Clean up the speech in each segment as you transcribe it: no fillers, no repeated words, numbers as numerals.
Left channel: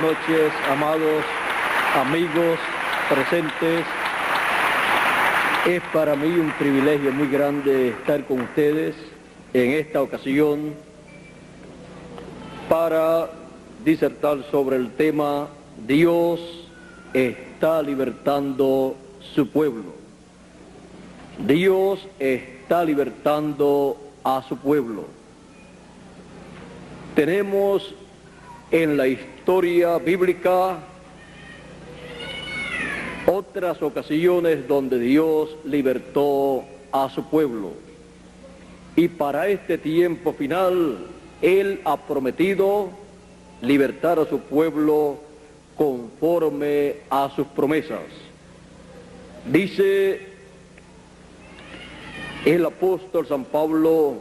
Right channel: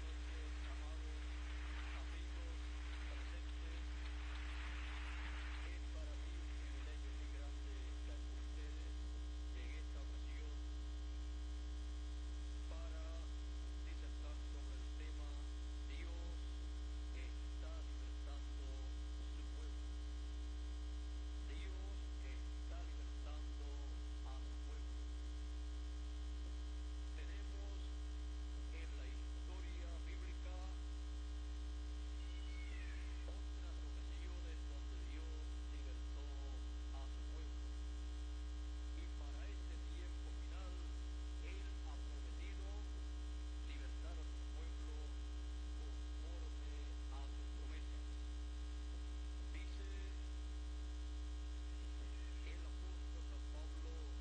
noches, amados amigos presentes. Es para mí un privilegio muy grande estar con ustedes en esta ocasión para disertar sobre el tema Dios está libertando su pueblo. Dios está libertando a su pueblo. Tenemos en la historia bíblica otras ocasiones donde Dios libertó a su pueblo. Y para este tiempo final, Él ha prometido libertar a su pueblo conforme a sus promesas. Dice el apóstol San Pablo,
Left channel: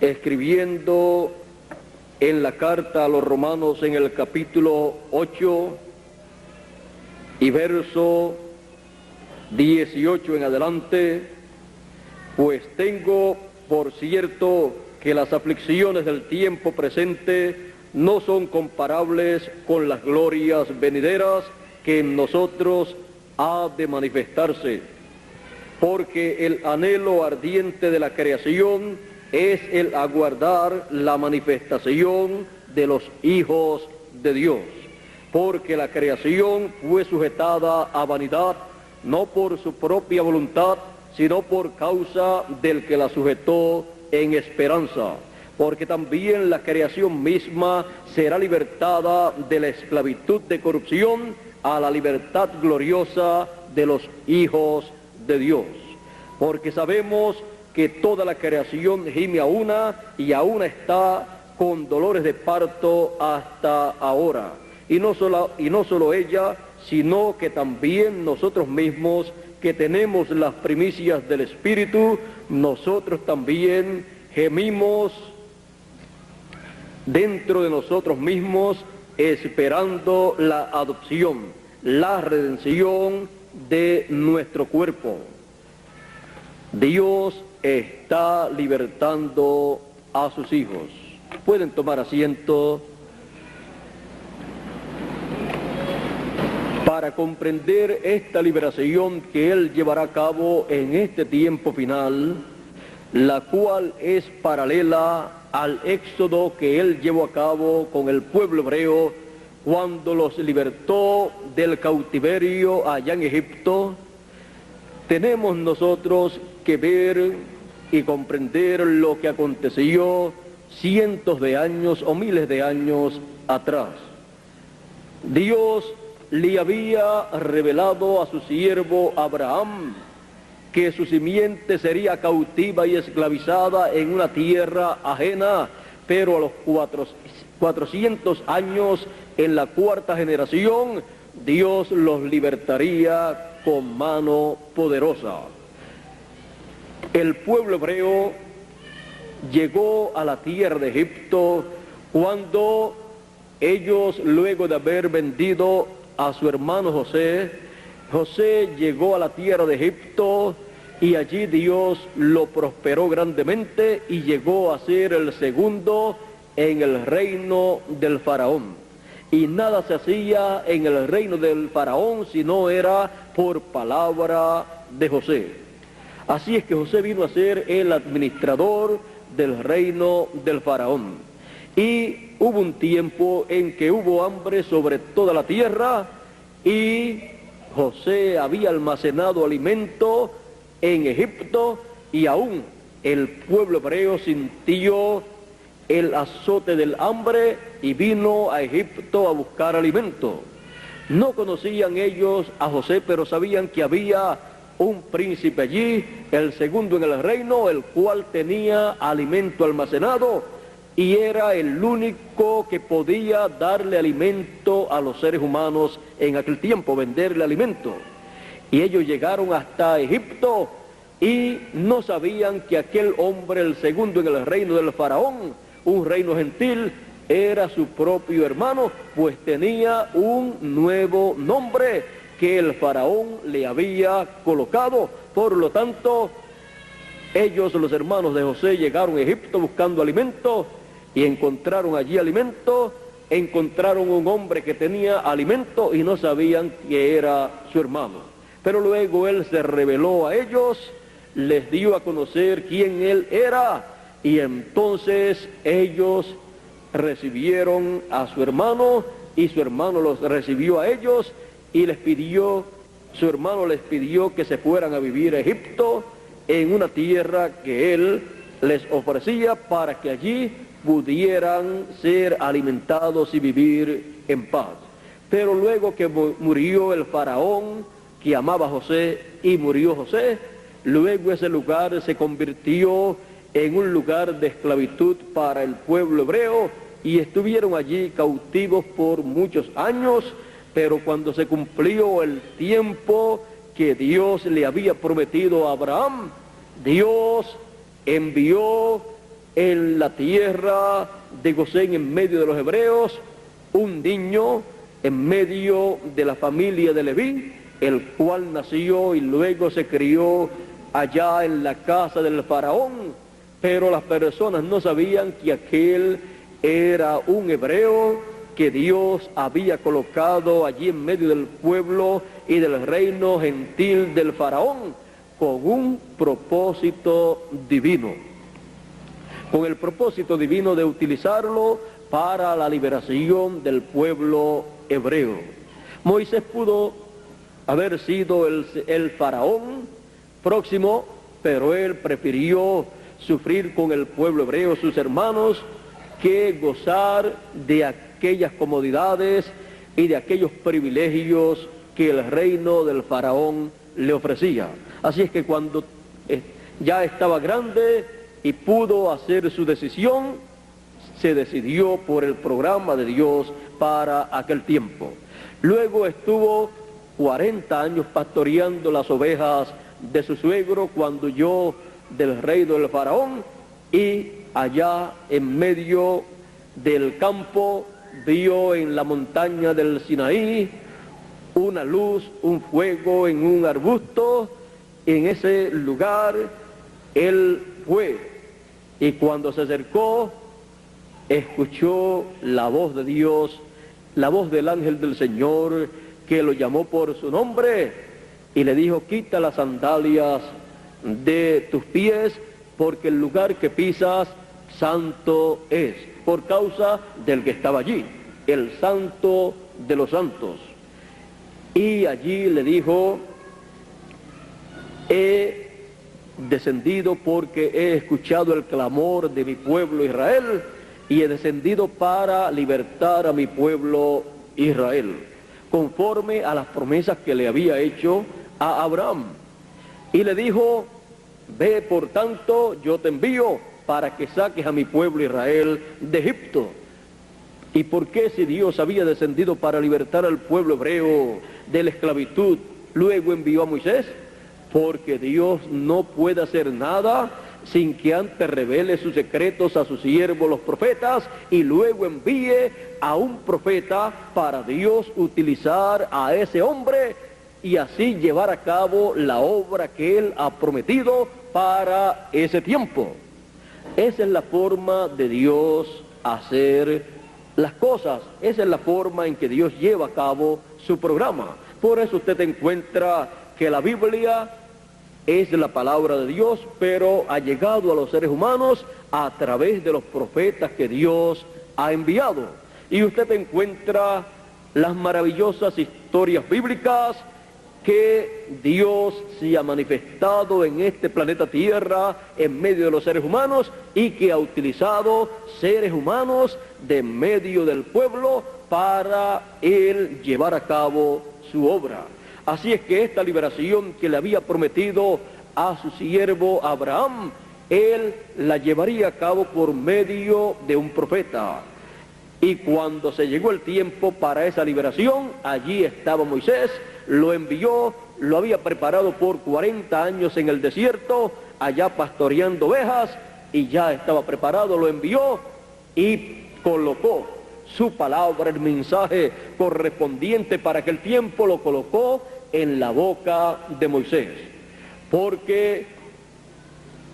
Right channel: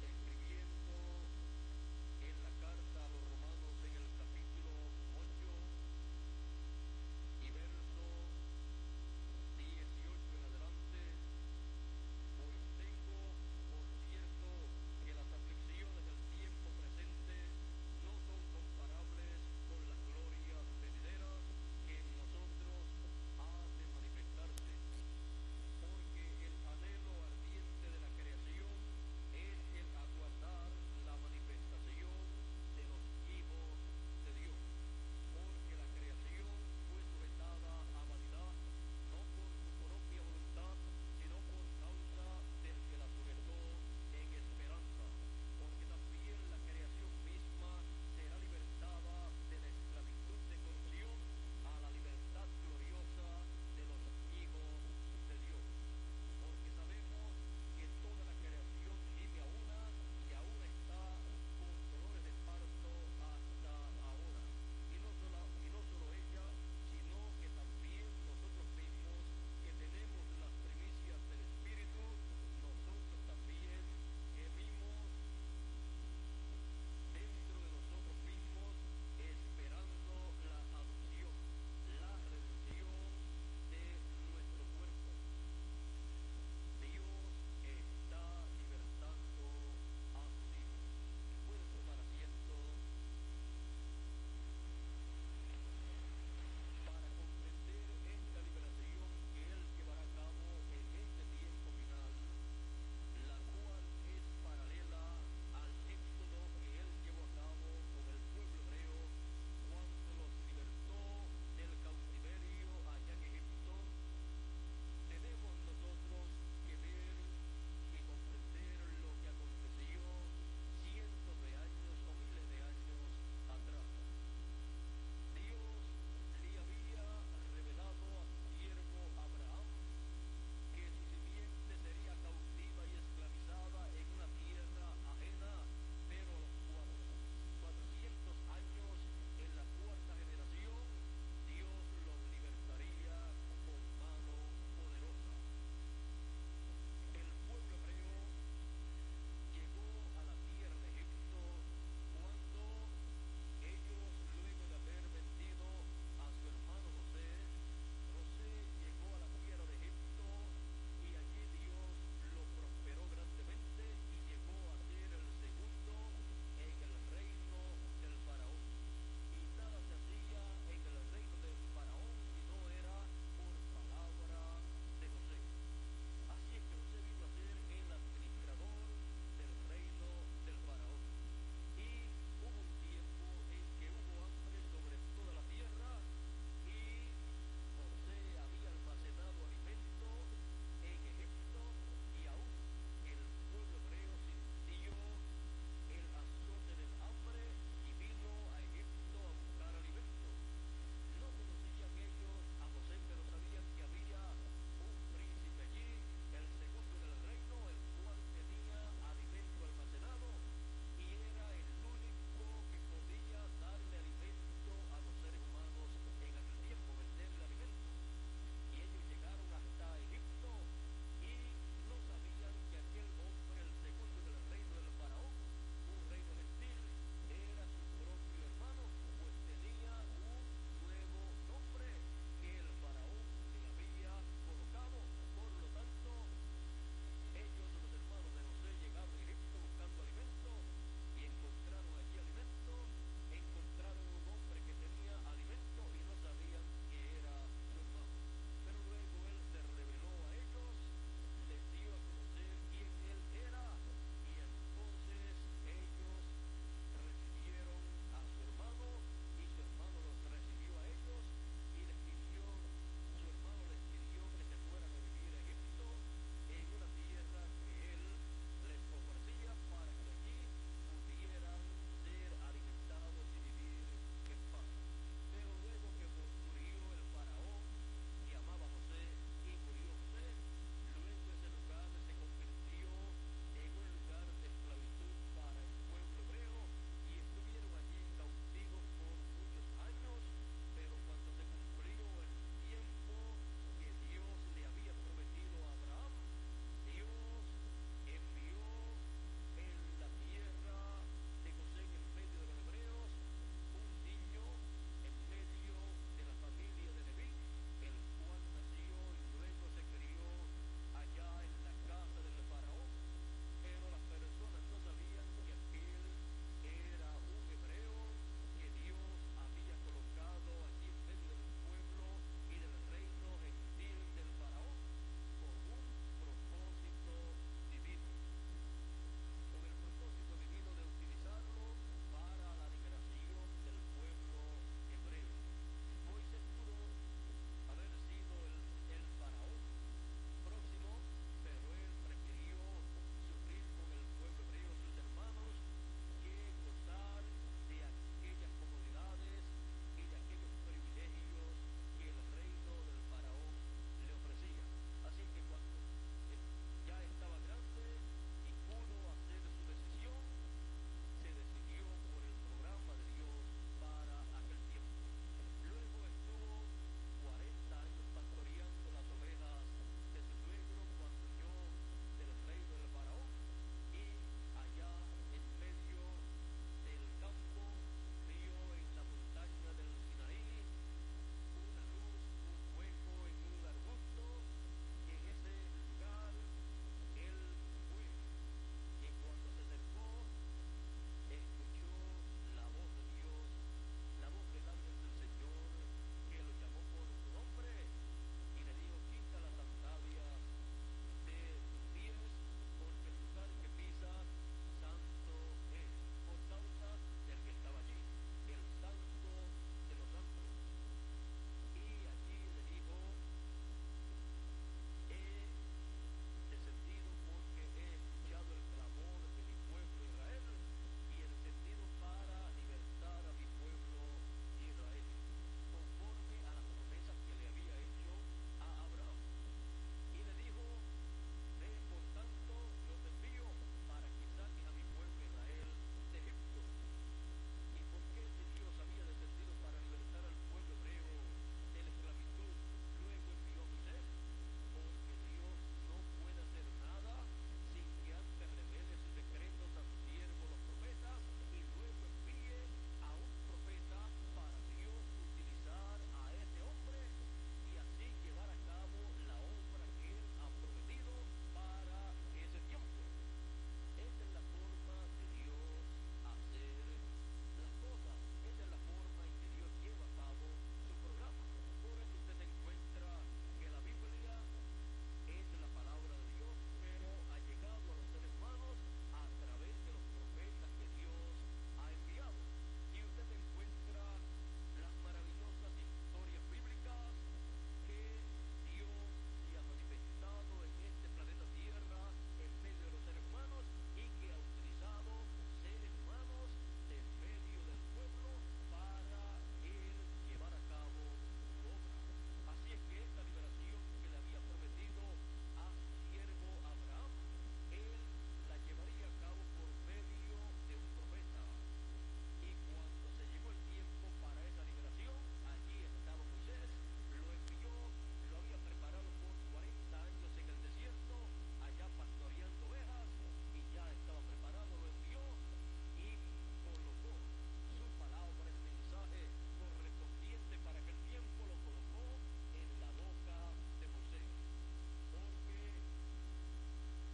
escribiendo en la carta a los Romanos en el capítulo 8 y verso 18 en adelante: pues tengo por cierto que las aflicciones del tiempo presente no son comparables con las glorias venideras que en nosotros ha de manifestarse, porque el anhelo ardiente de la creación es el aguardar la manifestación de los hijos de Dios, porque la creación fue sujetada a vanidad, no por su propia voluntad, sino por causa del que la sujetó en esperanza, porque también la creación misma será libertada de la esclavitud de corrupción a la libertad gloriosa de los hijos de Dios. Porque sabemos que toda la creación gime a una y aún está con dolores de parto hasta ahora. Y no solo ella, sino que también nosotros mismos, que tenemos las primicias del Espíritu, nosotros también gemimos dentro de nosotros mismos, esperando la adopción, la redención de nuestro cuerpo. Dios está libertando a sus hijos. Pueden tomar asiento. Para comprender esta liberación que Él llevará a cabo en este tiempo final, la cual es paralela al éxodo que Él llevó a cabo con el pueblo hebreo cuando los libertó del cautiverio allá en Egipto, tenemos nosotros que ver y comprender lo que aconteció cientos de años o miles de años atrás. Dios le había revelado a su siervo Abraham que su simiente sería cautiva y esclavizada en una tierra ajena, pero a los 400 años, en la cuarta generación, Dios los libertaría con mano poderosa. El pueblo hebreo llegó a la tierra de Egipto cuando ellos, luego de haber vendido a su hermano José, José llegó a la tierra de Egipto y allí Dios lo prosperó grandemente y llegó a ser el segundo en el reino del faraón. Y nada se hacía en el reino del faraón si no era por palabra de José. Así es que José vino a ser el administrador del reino del faraón. Y hubo un tiempo en que hubo hambre sobre toda la tierra y José había almacenado alimento en Egipto y aún el pueblo hebreo sintió el azote del hambre y vino a Egipto a buscar alimento. No conocían ellos a José, pero sabían que había un príncipe allí, el segundo en el reino, el cual tenía alimento almacenado y era el único que podía darle alimento a los seres humanos en aquel tiempo, venderle alimento. Y ellos llegaron hasta Egipto y no sabían que aquel hombre, el segundo en el reino del faraón, un reino gentil, era su propio hermano, pues tenía un nuevo nombre que el faraón le había colocado. Por lo tanto, ellos, los hermanos de José, llegaron a Egipto buscando alimento y encontraron allí alimento encontraron un hombre que tenía alimento y no sabían que era su hermano. Pero luego él se reveló a ellos, les dio a conocer quién él era, y entonces ellos recibieron a su hermano, y su hermano los recibió a ellos, y su hermano les pidió que se fueran a vivir a Egipto, en una tierra que él les ofrecía para que allí pudieran ser alimentados y vivir en paz. Pero luego que murió el faraón que amaba a José y murió José, luego ese lugar se convirtió en un lugar de esclavitud para el pueblo hebreo y estuvieron allí cautivos por muchos años, pero cuando se cumplió el tiempo que Dios le había prometido a Abraham, Dios envió en la tierra de Gosén, en medio de los hebreos, un niño en medio de la familia de Leví, el cual nació y luego se crió allá en la casa del faraón, pero las personas no sabían que aquel era un hebreo que Dios había colocado allí en medio del pueblo y del reino gentil del faraón, con un propósito divino, con el propósito divino de utilizarlo para la liberación del pueblo hebreo. Moisés pudo haber sido el faraón próximo, pero él prefirió sufrir con el pueblo hebreo, sus hermanos, que gozar de aquellas comodidades y de aquellos privilegios que el reino del faraón le ofrecía. Así es que cuando ya estaba grande y pudo hacer su decisión, se decidió por el programa de Dios para aquel tiempo. Luego estuvo 40 años pastoreando las ovejas de su suegro cuando huyó del reino del faraón, y allá en medio del campo vio en la montaña del Sinaí una luz, un fuego en un arbusto. En ese lugar él fue, y cuando se acercó escuchó la voz de Dios, la voz del ángel del Señor, que lo llamó por su nombre y le dijo: quita las sandalias de tus pies, porque el lugar que pisas santo es, por causa del que estaba allí, el santo de los santos. Y allí le dijo: he descendido porque he escuchado el clamor de mi pueblo Israel, y he descendido para libertar a mi pueblo Israel, conforme a las promesas que le había hecho a Abraham. Y le dijo: ve, por tanto, yo te envío para que saques a mi pueblo Israel de Egipto. ¿Y por qué, si Dios había descendido para libertar al pueblo hebreo de la esclavitud, luego envió a Moisés? Porque Dios no puede hacer nada sin que antes revele sus secretos a sus siervos los profetas, y luego envíe a un profeta para Dios utilizar a ese hombre y así llevar a cabo la obra que Él ha prometido para ese tiempo. Esa es la forma de Dios hacer las cosas, esa es la forma en que Dios lleva a cabo su programa. Por eso usted encuentra que la Biblia es la palabra de Dios, pero ha llegado a los seres humanos a través de los profetas que Dios ha enviado. Y usted encuentra las maravillosas historias bíblicas que Dios se ha manifestado en este planeta Tierra en medio de los seres humanos, y que ha utilizado seres humanos de medio del pueblo para Él llevar a cabo su obra. Así es que esta liberación que le había prometido a su siervo Abraham, Él la llevaría a cabo por medio de un profeta. Y cuando se llegó el tiempo para esa liberación, allí estaba Moisés, lo envió, lo había preparado por 40 años en el desierto, allá pastoreando ovejas, y ya estaba preparado, lo envió y colocó su palabra, el mensaje correspondiente para aquel tiempo, lo colocó en la boca de Moisés. Porque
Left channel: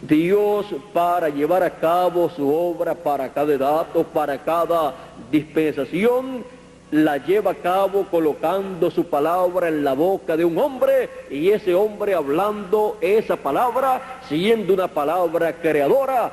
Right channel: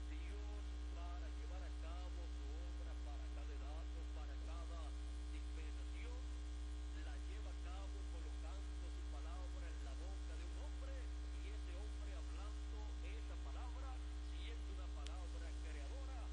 Dios, para llevar a cabo su obra para cada edad o para cada dispensación, la lleva a cabo colocando su palabra en la boca de un hombre, y ese hombre, hablando esa palabra, siendo una palabra creadora,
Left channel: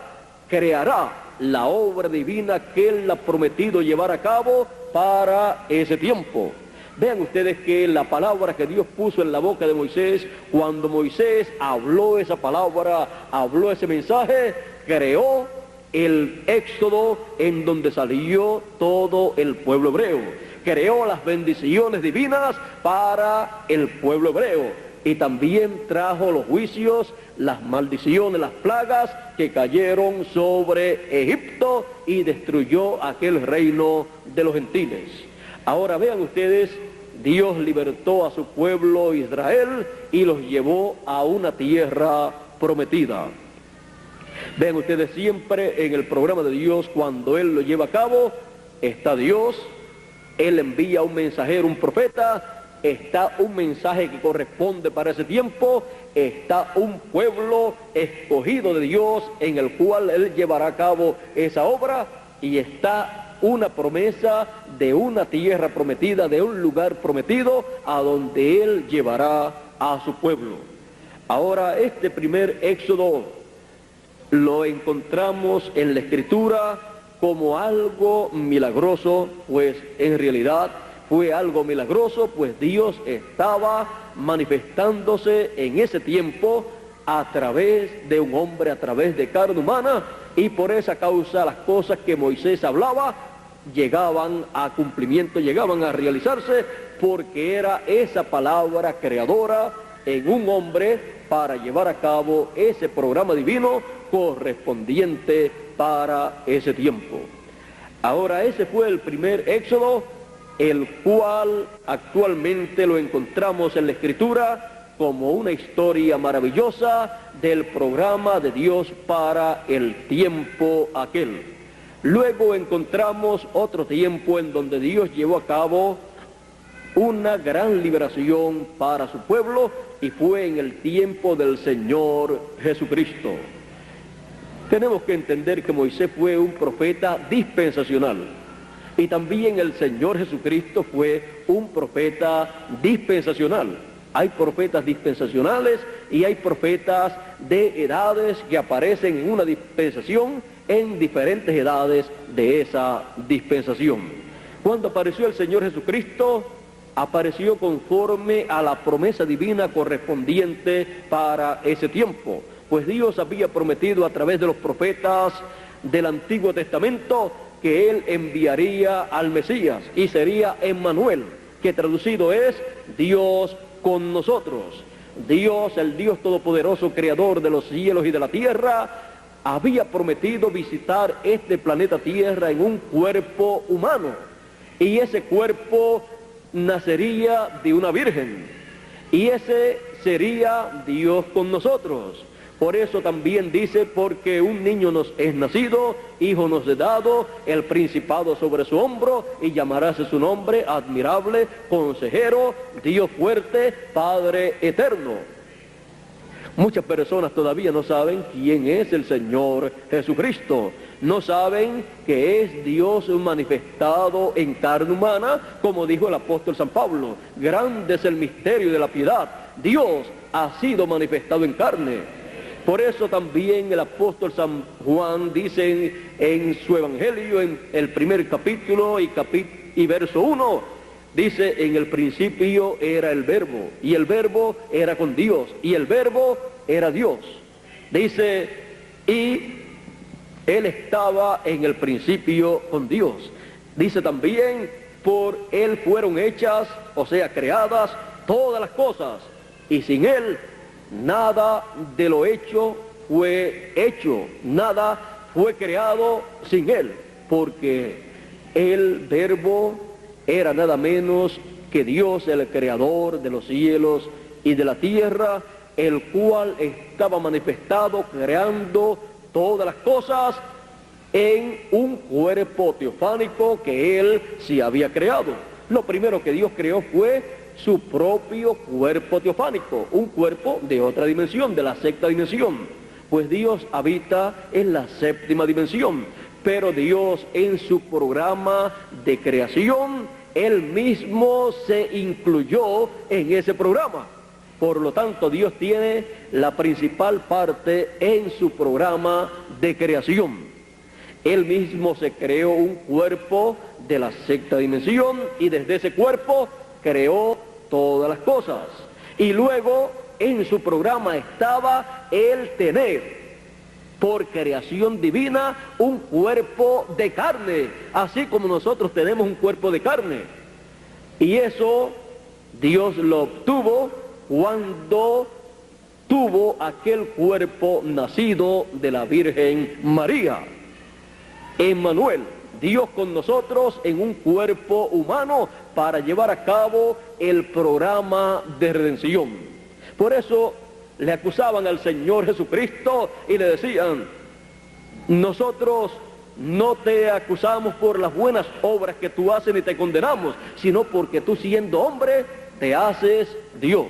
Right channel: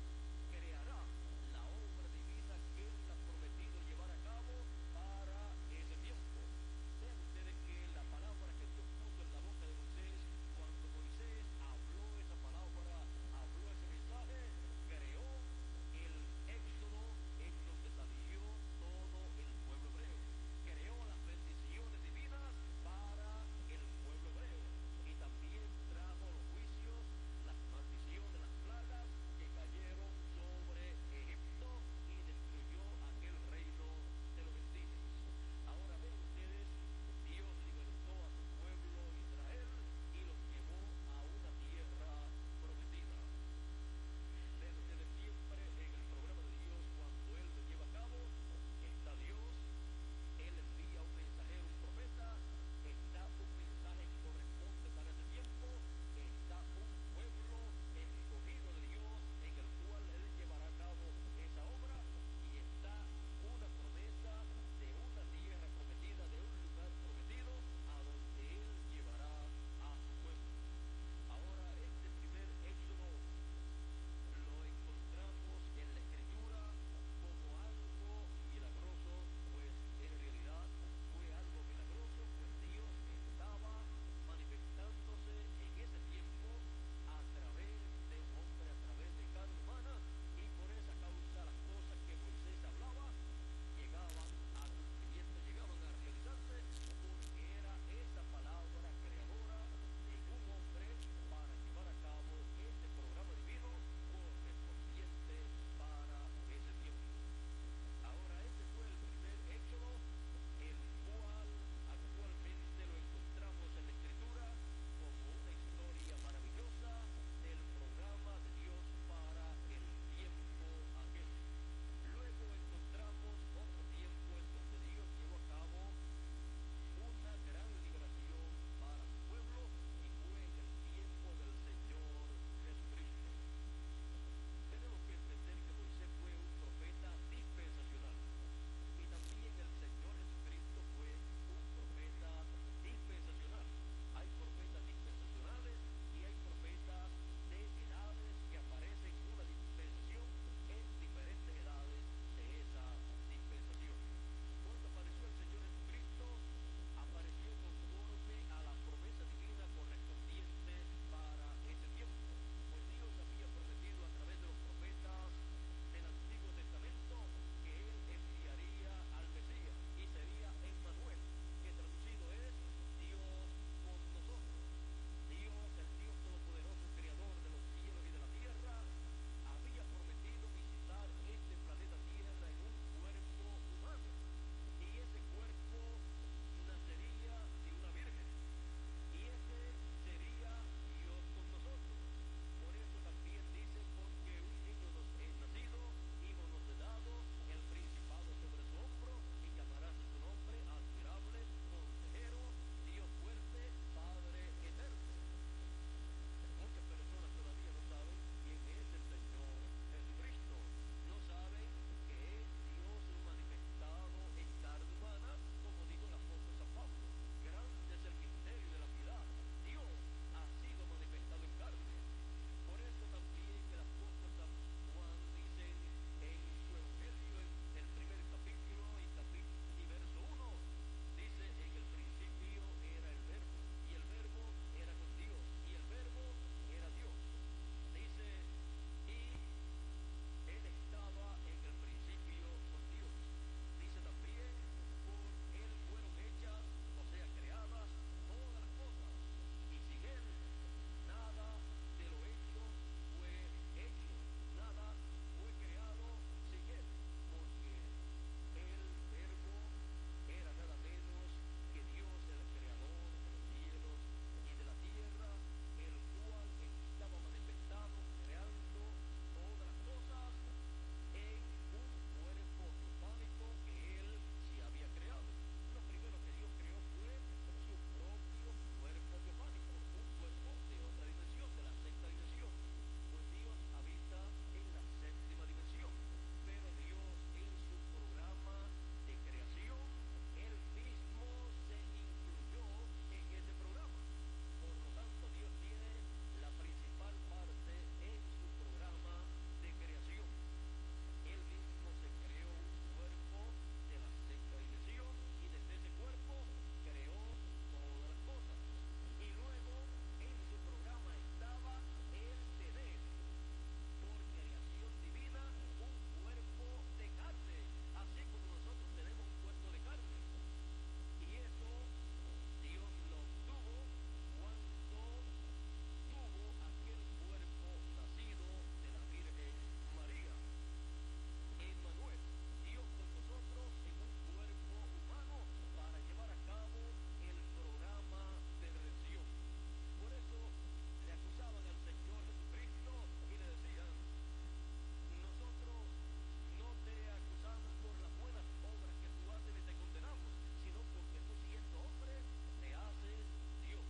creará la obra divina que Él ha prometido llevar a cabo para ese tiempo. Vean ustedes que la palabra que Dios puso en la boca de Moisés, cuando Moisés habló esa palabra, habló ese mensaje, creó el éxodo en donde salió todo el pueblo hebreo. Creó las bendiciones divinas para el pueblo hebreo. Y también trajo los juicios, las maldiciones, las plagas que cayeron sobre Egipto y destruyó aquel reino de los gentiles. Ahora vean ustedes, Dios libertó a su pueblo Israel y los llevó a una tierra prometida. Vean ustedes, siempre en el programa de Dios, cuando Él lo lleva a cabo, está Dios, Él envía un mensajero, un profeta, está un mensaje que corresponde para ese tiempo, está un pueblo escogido de Dios en el cual Él llevará a cabo esa obra, y está una promesa de una tierra prometida, de un lugar prometido a donde Él llevará a su pueblo. Ahora, este primer éxodo lo encontramos en la Escritura como algo milagroso, pues en realidad fue algo milagroso, pues Dios estaba manifestándose en ese tiempo a través de un hombre, a través de carne humana, y por esa causa las cosas que Moisés hablaba llegaban a cumplimiento, llegaban a realizarse, porque era esa palabra creadora en un hombre para llevar a cabo ese programa divino correspondiente para ese tiempo. Ahora, ese fue el primer éxodo, el cual actualmente lo encontramos en la Escritura como una historia maravillosa del programa de Dios para el tiempo aquel. Luego encontramos otro tiempo en donde Dios llevó a cabo una gran liberación para su pueblo, y fue en el tiempo del Señor Jesucristo. Tenemos que entender que Moisés fue un profeta dispensacional, y también el Señor Jesucristo fue un profeta dispensacional. Hay profetas dispensacionales y hay profetas de edades que aparecen en una dispensación, en diferentes edades de esa dispensación. Cuando apareció el Señor Jesucristo, apareció conforme a la promesa divina correspondiente para ese tiempo, pues Dios había prometido a través de los profetas del Antiguo Testamento que Él enviaría al Mesías, y sería Emmanuel, que traducido es Dios con nosotros. Dios, el Dios todopoderoso, creador de los cielos y de la tierra, había prometido visitar este planeta Tierra en un cuerpo humano, y ese cuerpo nacería de una virgen, y ese sería Dios con nosotros. Por eso también dice, porque un niño nos es nacido, hijo nos es dado, el principado sobre su hombro, y llamarás su nombre admirable, consejero, Dios fuerte, Padre eterno. Muchas personas todavía no saben quién es el Señor Jesucristo. No saben que es Dios manifestado en carne humana, como dijo el apóstol San Pablo. Grande es el misterio de la piedad. Dios ha sido manifestado en carne. Por eso también el apóstol San Juan dice en su evangelio, en el primer capítulo y verso 1, dice: en el principio era el Verbo, y el Verbo era con Dios, y el Verbo era Dios. Dice, y Él estaba en el principio con Dios. Dice también, por Él fueron hechas, o sea, creadas todas las cosas, y sin Él nada de lo hecho fue hecho, nada fue creado sin Él, porque el Verbo era nada menos que Dios, el creador de los cielos y de la tierra, el cual estaba manifestado creando todas las cosas en un cuerpo teofánico que Él sí había creado. Lo primero que Dios creó fue su propio cuerpo teofánico, un cuerpo de otra dimensión, de la sexta dimensión. Pues Dios habita en la séptima dimensión, pero Dios en su programa de creación, Él mismo se incluyó en ese programa. Por lo tanto, Dios tiene la principal parte en su programa de creación. Él mismo se creó un cuerpo de la sexta dimensión y desde ese cuerpo creó todas las cosas. Y luego en su programa estaba el tener, por creación divina, un cuerpo de carne, así como nosotros tenemos un cuerpo de carne. Y eso Dios lo obtuvo cuando tuvo aquel cuerpo nacido de la Virgen María. Emmanuel, Dios con nosotros en un cuerpo humano para llevar a cabo el programa de redención. Por eso le acusaban al Señor Jesucristo y le decían: nosotros no te acusamos por las buenas obras que tú haces ni te condenamos, sino porque tú, siendo hombre, te haces Dios.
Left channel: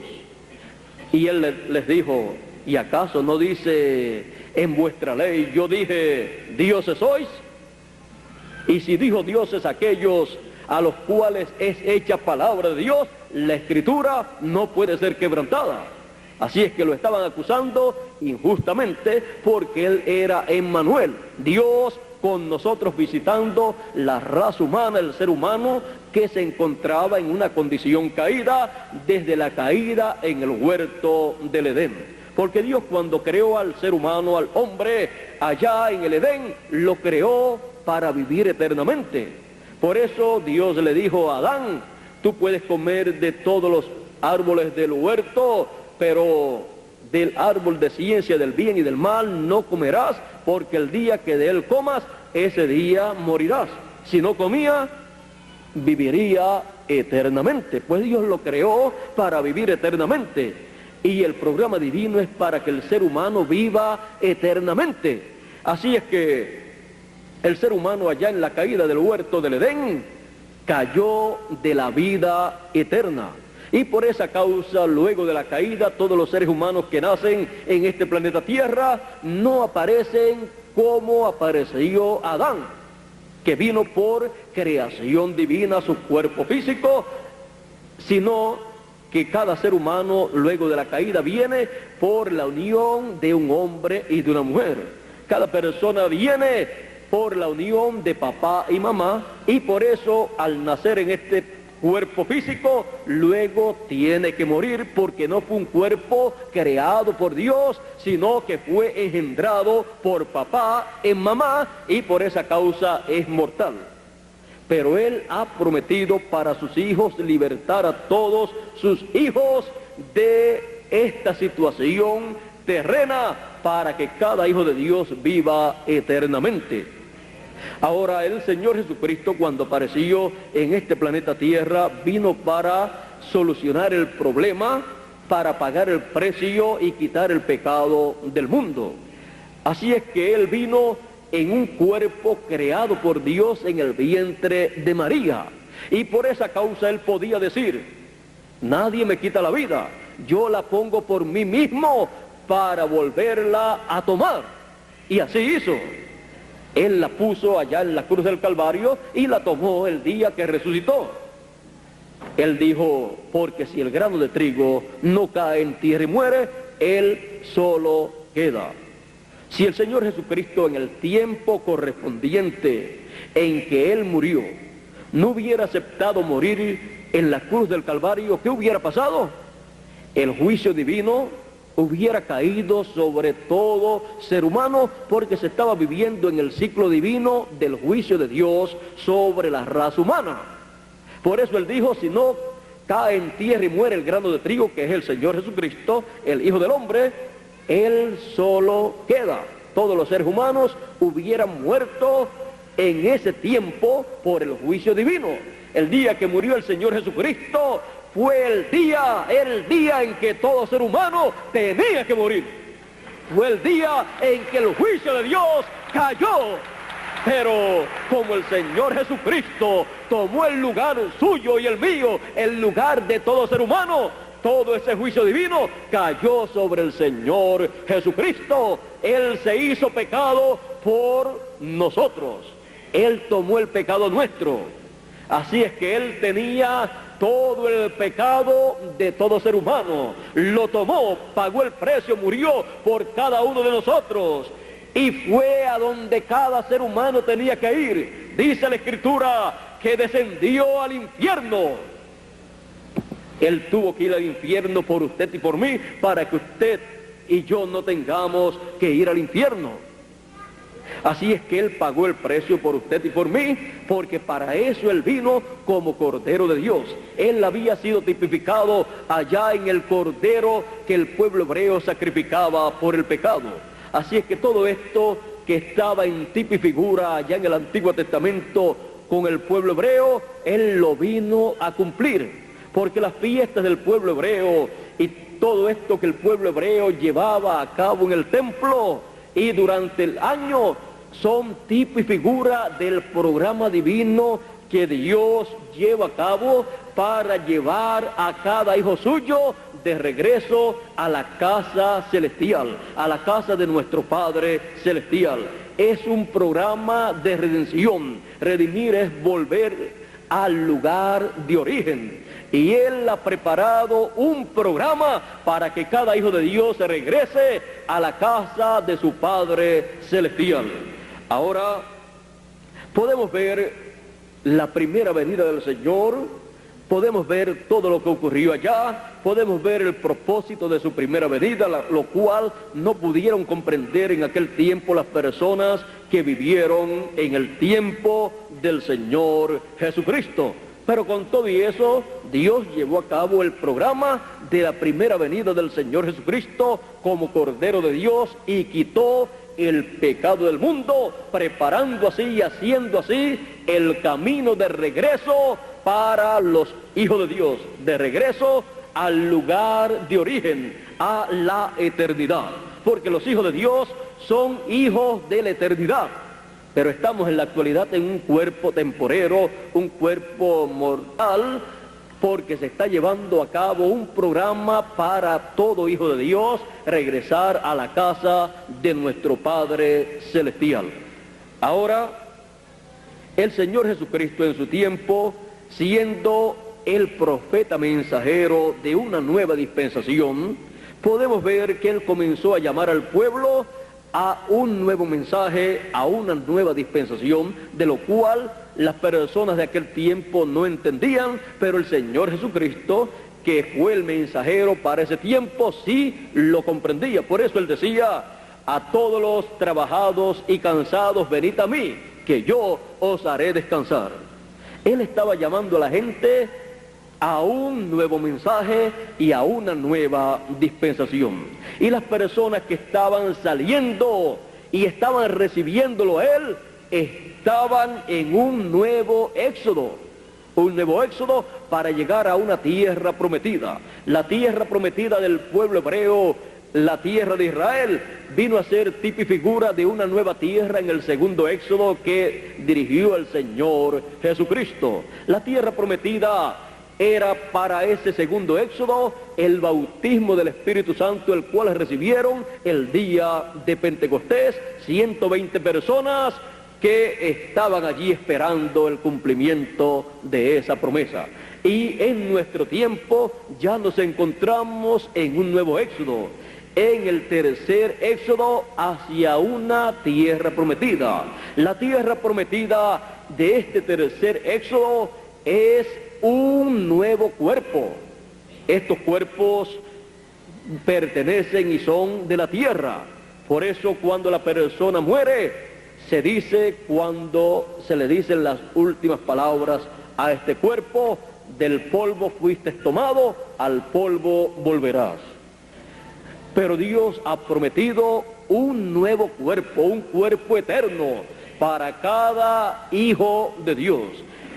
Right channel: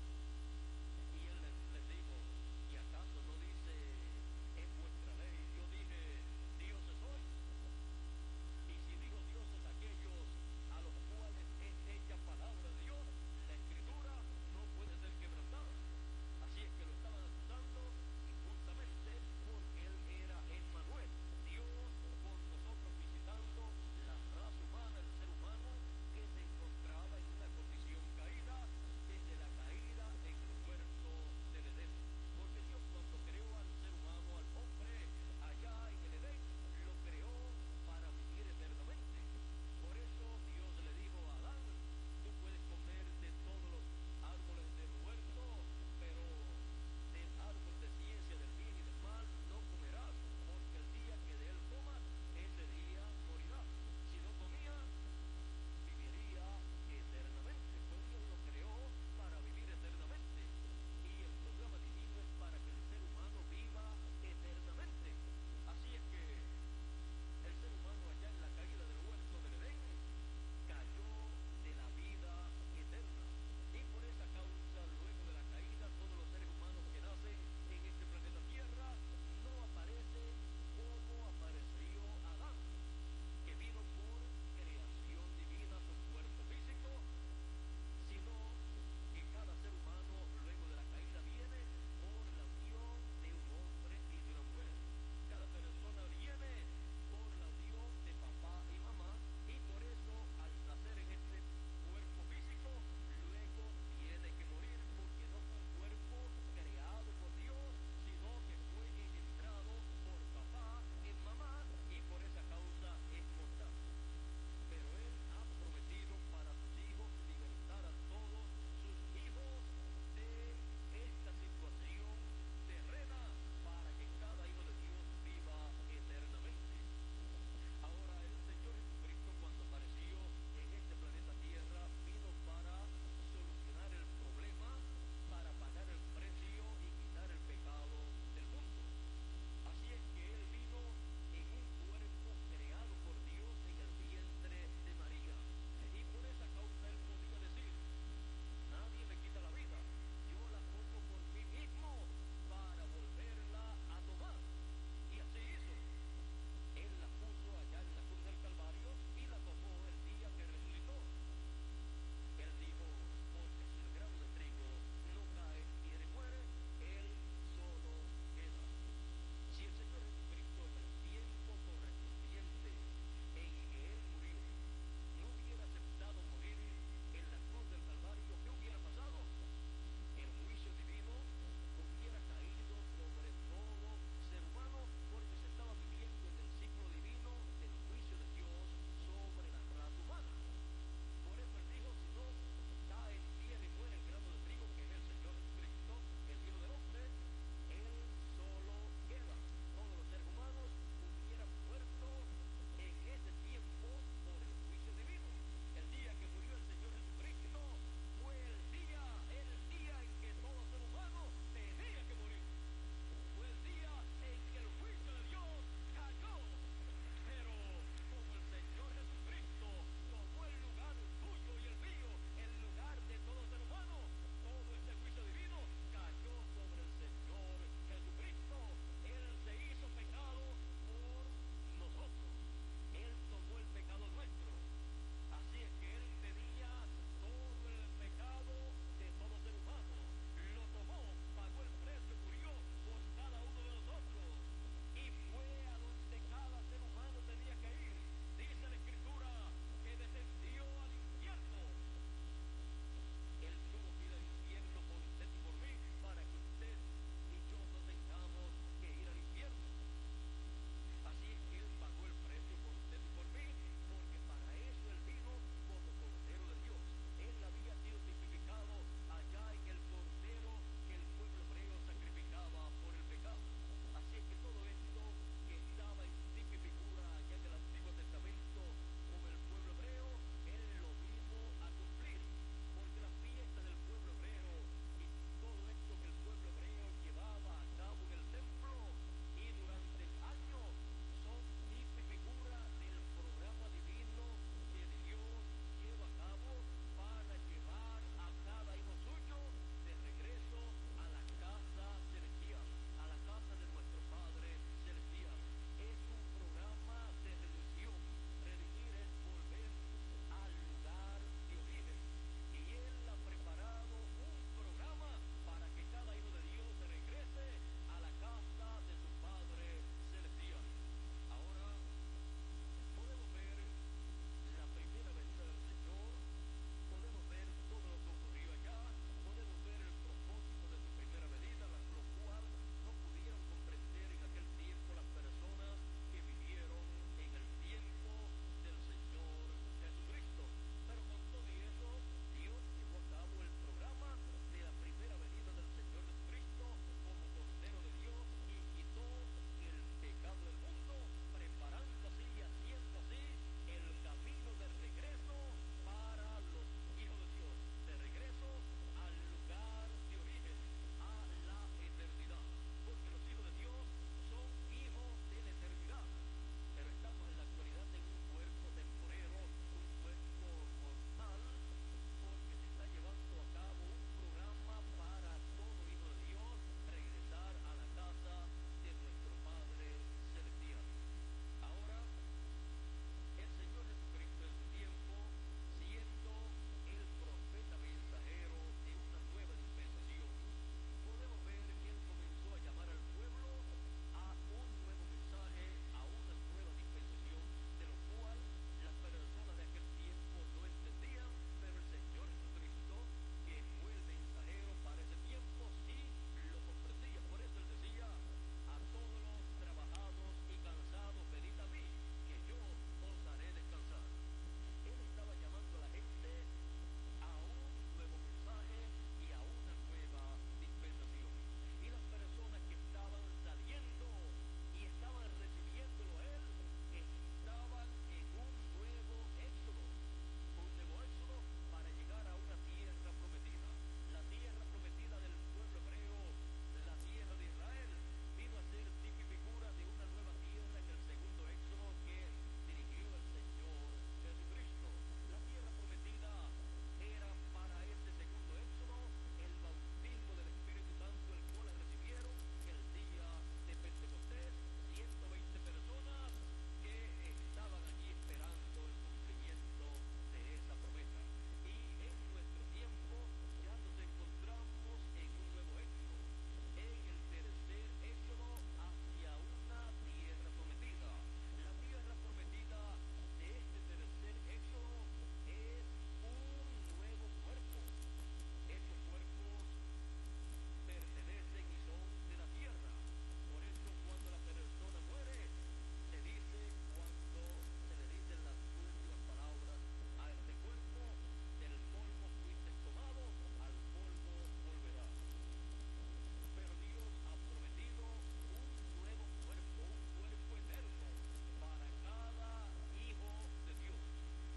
Y Él les dijo: ¿y acaso no dice en vuestra ley, yo dije, dioses sois? Y si dijo dioses aquellos a los cuales es hecha palabra de Dios, la Escritura no puede ser quebrantada. Así es que lo estaban acusando injustamente, porque Él era Emmanuel, Dios con nosotros, visitando la raza humana, el ser humano que se encontraba en una condición caída desde la caída en el huerto del Edén. Porque Dios, cuando creó al ser humano, al hombre, allá en el Edén, lo creó para vivir eternamente. Por eso Dios le dijo a Adán: tú puedes comer de todos los árboles del huerto, pero del árbol de ciencia del bien y del mal no comerás, porque el día que de él comas, ese día morirás. Si no comía, viviría eternamente. Pues Dios lo creó para vivir eternamente, y el programa divino es para que el ser humano viva eternamente. Así es que el ser humano, allá en la caída del huerto del Edén, cayó de la vida eterna. Y por esa causa, luego de la caída, todos los seres humanos que nacen en este planeta Tierra no aparecen como apareció Adán, que vino por creación divina, su cuerpo físico, sino que cada ser humano, luego de la caída, viene por la unión de un hombre y de una mujer. Cada persona viene por la unión de papá y mamá, y por eso, al nacer en este cuerpo físico, luego tiene que morir, porque no fue un cuerpo creado por Dios, sino que fue engendrado por papá en mamá, y por esa causa es mortal. Pero Él ha prometido para sus hijos libertar a todos sus hijos de esta situación terrena, para que cada hijo de Dios viva eternamente. Ahora, el Señor Jesucristo, cuando apareció en este planeta Tierra, vino para solucionar el problema, para pagar el precio y quitar el pecado del mundo. Así es que Él vino en un cuerpo creado por Dios en el vientre de María. Y por esa causa Él podía decir: nadie me quita la vida, yo la pongo por mí mismo para volverla a tomar. Y así hizo. Él la puso allá en la cruz del Calvario y la tomó el día que resucitó. Él dijo: porque si el grano de trigo no cae en tierra y muere, él solo queda. Si el Señor Jesucristo, en el tiempo correspondiente en que Él murió, no hubiera aceptado morir en la cruz del Calvario, ¿qué hubiera pasado? El juicio divino hubiera caído sobre todo ser humano, porque se estaba viviendo en el ciclo divino del juicio de Dios sobre la raza humana. Por eso Él dijo: si no cae en tierra y muere el grano de trigo, que es el Señor Jesucristo, el Hijo del Hombre, Él solo queda. Todos los seres humanos hubieran muerto en ese tiempo por el juicio divino. El día que murió el Señor Jesucristo fue el día en que todo ser humano tenía que morir. Fue el día en que el juicio de Dios cayó. Pero como el Señor Jesucristo tomó el lugar suyo y el mío, el lugar de todo ser humano, todo ese juicio divino cayó sobre el Señor Jesucristo. Él se hizo pecado por nosotros. Él tomó el pecado nuestro. Así es que Él tenía todo el pecado de todo ser humano. Lo tomó, pagó el precio, murió por cada uno de nosotros. Y fue a donde cada ser humano tenía que ir. Dice la Escritura que descendió al infierno. Él tuvo que ir al infierno por usted y por mí, para que usted y yo no tengamos que ir al infierno. Así es que Él pagó el precio por usted y por mí, porque para eso Él vino como Cordero de Dios. Él había sido tipificado allá en el Cordero que el pueblo hebreo sacrificaba por el pecado. Así es que todo esto que estaba en tipo y figura allá en el Antiguo Testamento con el pueblo hebreo, Él lo vino a cumplir. Porque las fiestas del pueblo hebreo y todo esto que el pueblo hebreo llevaba a cabo en el templo y durante el año son tipo y figura del programa divino que Dios lleva a cabo para llevar a cada hijo suyo de regreso a la casa celestial, a la casa de nuestro Padre celestial. Es un programa de redención. Redimir es volver al lugar de origen. Y Él ha preparado un programa para que cada hijo de Dios se regrese a la casa de su Padre celestial. Ahora podemos ver la primera venida del Señor, podemos ver todo lo que ocurrió allá, podemos ver el propósito de su primera venida, lo cual no pudieron comprender en aquel tiempo las personas que vivieron en el tiempo del Señor Jesucristo. Pero con todo y eso, Dios llevó a cabo el programa de la primera venida del Señor Jesucristo como Cordero de Dios y quitó el pecado del mundo, preparando así y haciendo así el camino de regreso para los hijos de Dios, de regreso al lugar de origen, a la eternidad. Porque los hijos de Dios son hijos de la eternidad. Pero estamos en la actualidad en un cuerpo temporero, un cuerpo mortal, porque se está llevando a cabo un programa para todo hijo de Dios regresar a la casa de nuestro Padre celestial. Ahora, el Señor Jesucristo en su tiempo, siendo el profeta mensajero de una nueva dispensación, podemos ver que Él comenzó a llamar al pueblo a un nuevo mensaje, a una nueva dispensación, de lo cual las personas de aquel tiempo no entendían, pero el Señor Jesucristo, que fue el mensajero para ese tiempo, sí lo comprendía. Por eso Él decía: a todos los trabajados y cansados, venid a mí, que yo os haré descansar. Él estaba llamando a la gente a un nuevo mensaje y a una nueva dispensación. Y las personas que estaban saliendo y estaban recibiéndolo a Él, estaban en un nuevo éxodo para llegar a una tierra prometida. La tierra prometida del pueblo hebreo, la tierra de Israel, vino a ser tipo y figura de una nueva tierra en el segundo éxodo que dirigió el Señor Jesucristo. La tierra prometida era para ese segundo éxodo el bautismo del Espíritu Santo, el cual recibieron el día de Pentecostés, 120 personas que estaban allí esperando el cumplimiento de esa promesa. Y en nuestro tiempo ya nos encontramos en un nuevo éxodo, en el tercer éxodo hacia una tierra prometida. La tierra prometida de este tercer éxodo es un nuevo cuerpo. Estos cuerpos pertenecen y son de la tierra. Por eso cuando la persona muere, se dice, cuando se le dicen las últimas palabras a este cuerpo: del polvo fuiste tomado, al polvo volverás. Pero Dios ha prometido un nuevo cuerpo, un cuerpo eterno para cada hijo de Dios.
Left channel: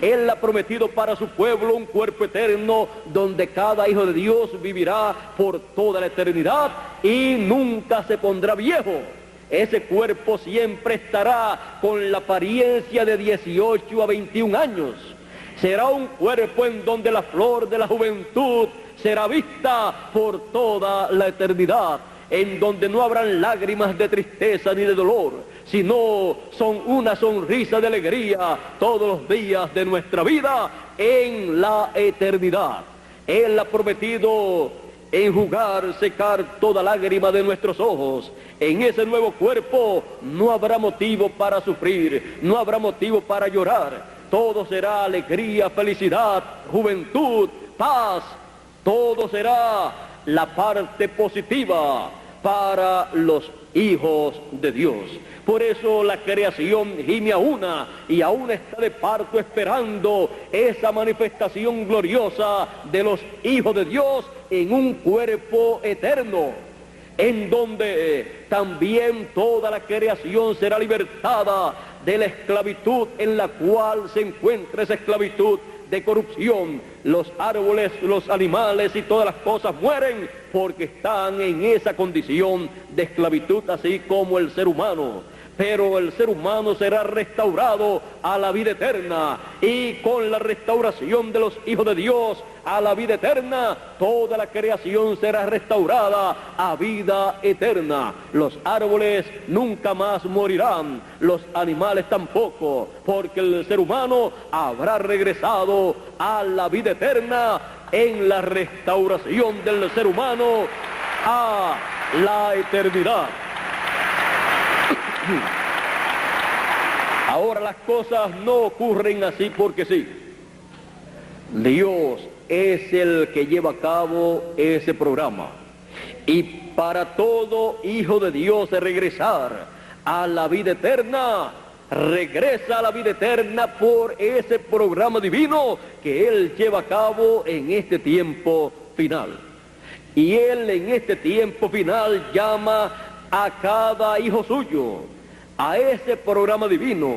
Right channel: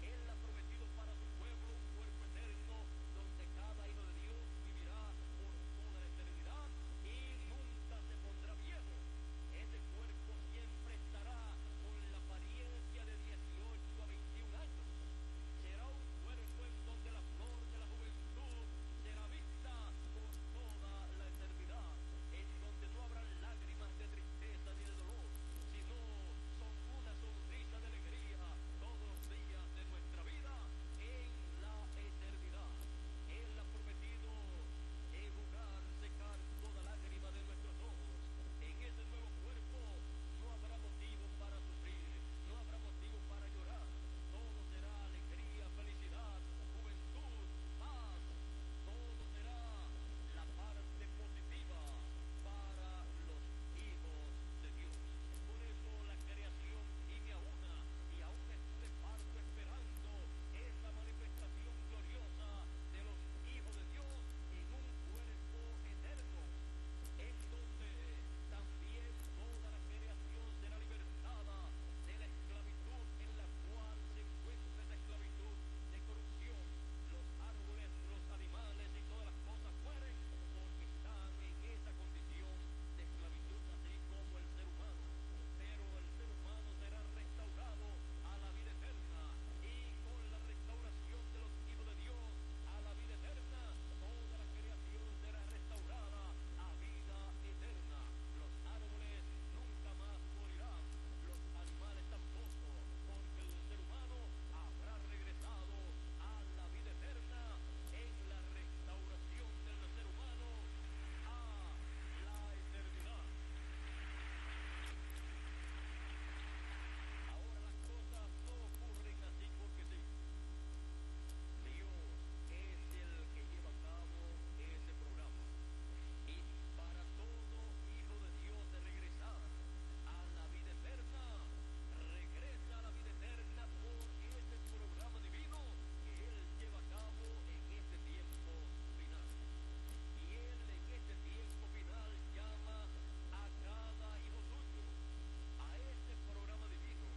Él ha prometido para su pueblo un cuerpo eterno donde cada hijo de Dios vivirá por toda la eternidad y nunca se pondrá viejo. Ese cuerpo siempre estará con la apariencia de 18 a 21 años. Será un cuerpo en donde la flor de la juventud será vista por toda la eternidad, en donde no habrán lágrimas de tristeza ni de dolor, sino son una sonrisa de alegría todos los días de nuestra vida en la eternidad. Él ha prometido enjugar, secar toda lágrima de nuestros ojos. En ese nuevo cuerpo no habrá motivo para sufrir, no habrá motivo para llorar. Todo será alegría, felicidad, juventud, paz. Todo será la parte positiva para los hijos de Dios. Por eso la creación gime a una y aún está de parto esperando esa manifestación gloriosa de los hijos de Dios en un cuerpo eterno, en donde también toda la creación será libertada de la esclavitud en la cual se encuentra esa esclavitud de corrupción. Los árboles, los animales y todas las cosas mueren porque están en esa condición de esclavitud, así como el ser humano. Pero el ser humano será restaurado a la vida eterna, y con la restauración de los hijos de Dios a la vida eterna, toda la creación será restaurada a vida eterna. Los árboles nunca más morirán, los animales tampoco, porque el ser humano habrá regresado a la vida eterna en la restauración del ser humano a la eternidad. Ahora las cosas no ocurren así porque sí. Dios es el que lleva a cabo ese programa. Y para todo hijo de Dios regresar a la vida eterna, regresa a la vida eterna por ese programa divino que Él lleva a cabo en este tiempo final. Y Él en este tiempo final llama a cada hijo suyo a ese programa divino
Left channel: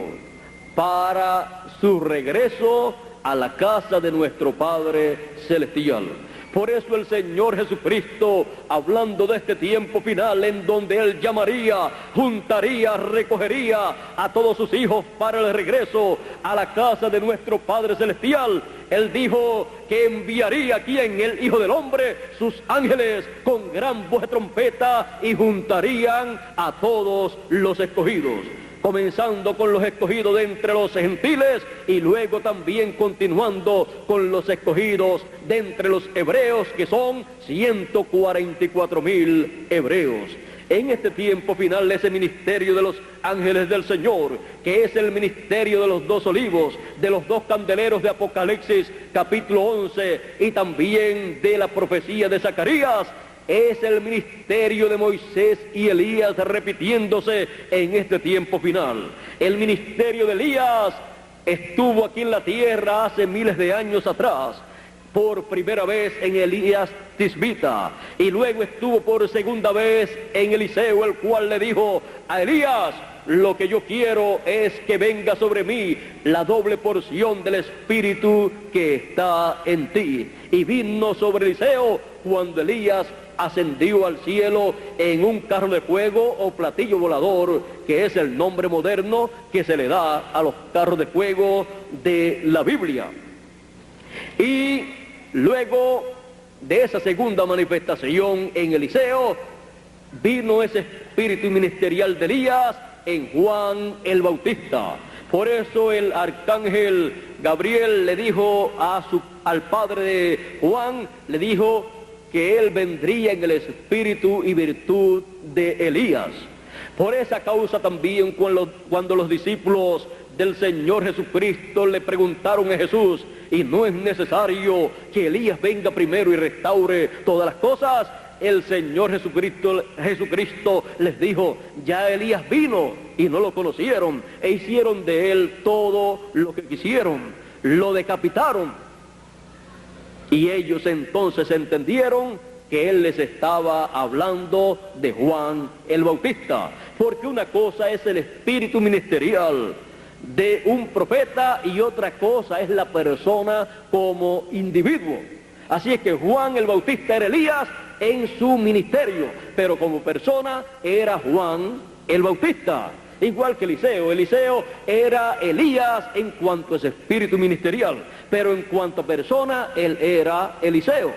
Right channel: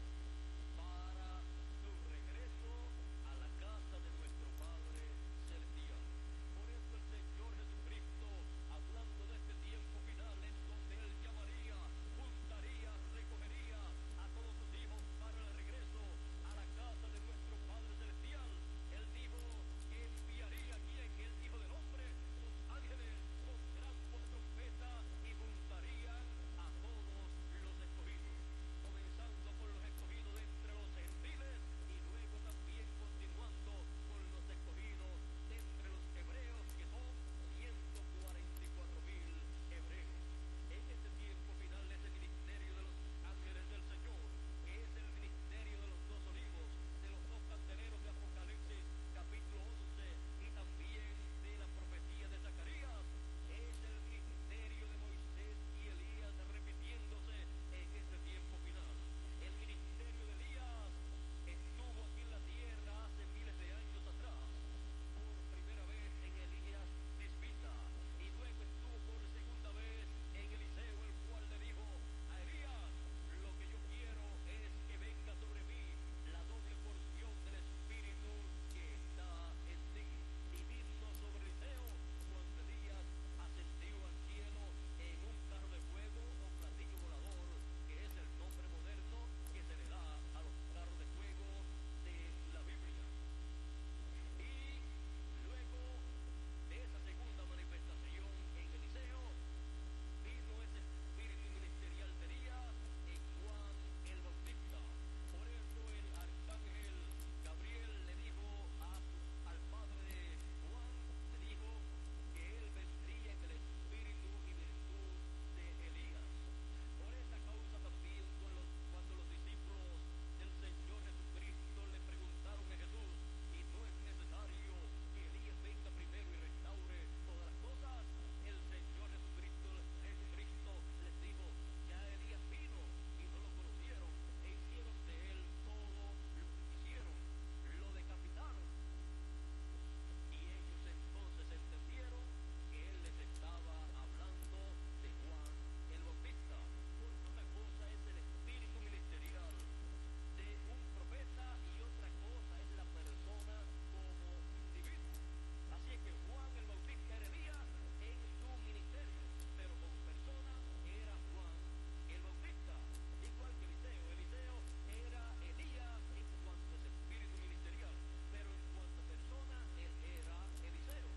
para su regreso a la casa de nuestro Padre Celestial. Por eso el Señor Jesucristo, hablando de este tiempo final en donde Él llamaría, juntaría, recogería a todos sus hijos para el regreso a la casa de nuestro Padre Celestial, Él dijo que enviaría aquí en el Hijo del Hombre sus ángeles con gran voz de trompeta y juntarían a todos los escogidos, comenzando con los escogidos de entre los gentiles y luego también continuando con los escogidos de entre los hebreos, que son 144,000 hebreos. En este tiempo final, ese ministerio de los ángeles del Señor, que es el ministerio de los 2 olivos, de los 2 candeleros de Apocalipsis capítulo 11 y también de la profecía de Zacarías, es el ministerio de Moisés y Elías repitiéndose en este tiempo final. El ministerio de Elías estuvo aquí en la tierra hace miles de años atrás, por primera vez en Elías Tisbita, y luego estuvo por segunda vez en Eliseo, el cual le dijo a Elías: lo que yo quiero es que venga sobre mí la doble porción del Espíritu que está en ti. Y vino sobre Eliseo cuando Elías ascendió al cielo en un carro de fuego o platillo volador, que es el nombre moderno que se le da a los carros de fuego de la Biblia. Y luego de esa segunda manifestación en Eliseo, vino ese espíritu ministerial de Elías en Juan el Bautista. Por eso el arcángel Gabriel le dijo al padre de Juan, le dijo que él vendría en el espíritu y virtud de Elías. Por esa causa también cuando los discípulos del Señor Jesucristo le preguntaron a Jesús: ¿y no es necesario que Elías venga primero y restaure todas las cosas? El Señor Jesucristo les dijo: ya Elías vino y no lo conocieron e hicieron de él todo lo que quisieron, lo decapitaron. Y ellos entonces entendieron que él les estaba hablando de Juan el Bautista, porque una cosa es el espíritu ministerial de un profeta y otra cosa es la persona como individuo. Así es que Juan el Bautista era Elías en su ministerio, pero como persona era Juan el Bautista. Igual que Eliseo. Eliseo era Elías en cuanto a ese espíritu ministerial, pero en cuanto a persona, él era Eliseo.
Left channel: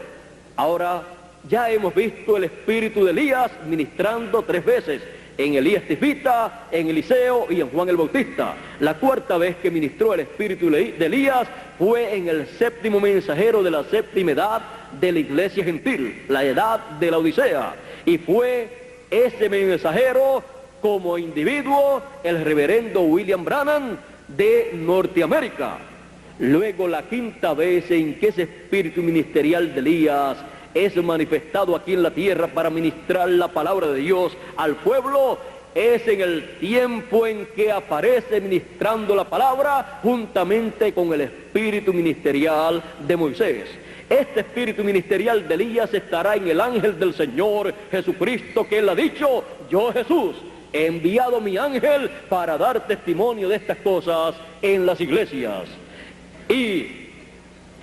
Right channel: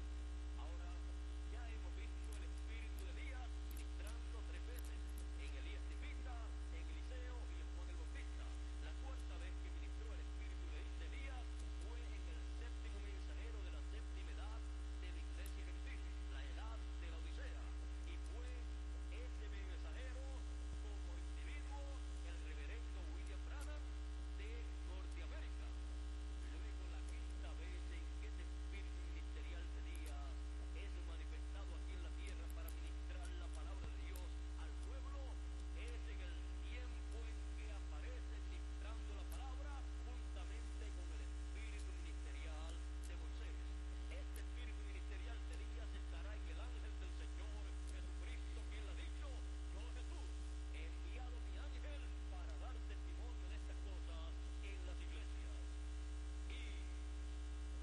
Ahora, ya hemos visto el espíritu de Elías ministrando 3 veces, en Elías Tisbita, en Eliseo y en Juan el Bautista. La cuarta vez que ministró el espíritu de Elías fue en el 7º mensajero de la 7ª edad de la iglesia gentil, la edad de la Odisea. Y fue ese mensajero como individuo el reverendo William Branham de Norteamérica. Luego, la 5ª vez en que ese espíritu ministerial de Elías es manifestado aquí en la tierra para ministrar la palabra de Dios al pueblo, es en el tiempo en que aparece ministrando la palabra juntamente con el espíritu ministerial de Moisés. Este espíritu ministerial de Elías estará en el ángel del Señor Jesucristo, que él ha dicho: yo, Jesús, he enviado mi ángel para dar testimonio de estas cosas en las iglesias. Y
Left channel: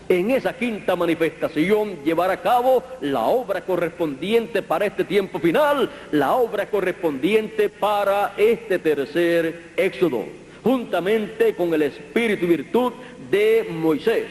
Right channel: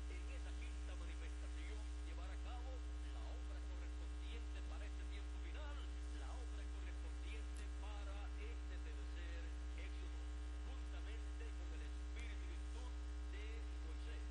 en esa 5ª manifestación llevará a cabo la obra correspondiente para este tiempo final, la obra correspondiente para este tercer éxodo, juntamente con el espíritu y virtud de Moisés.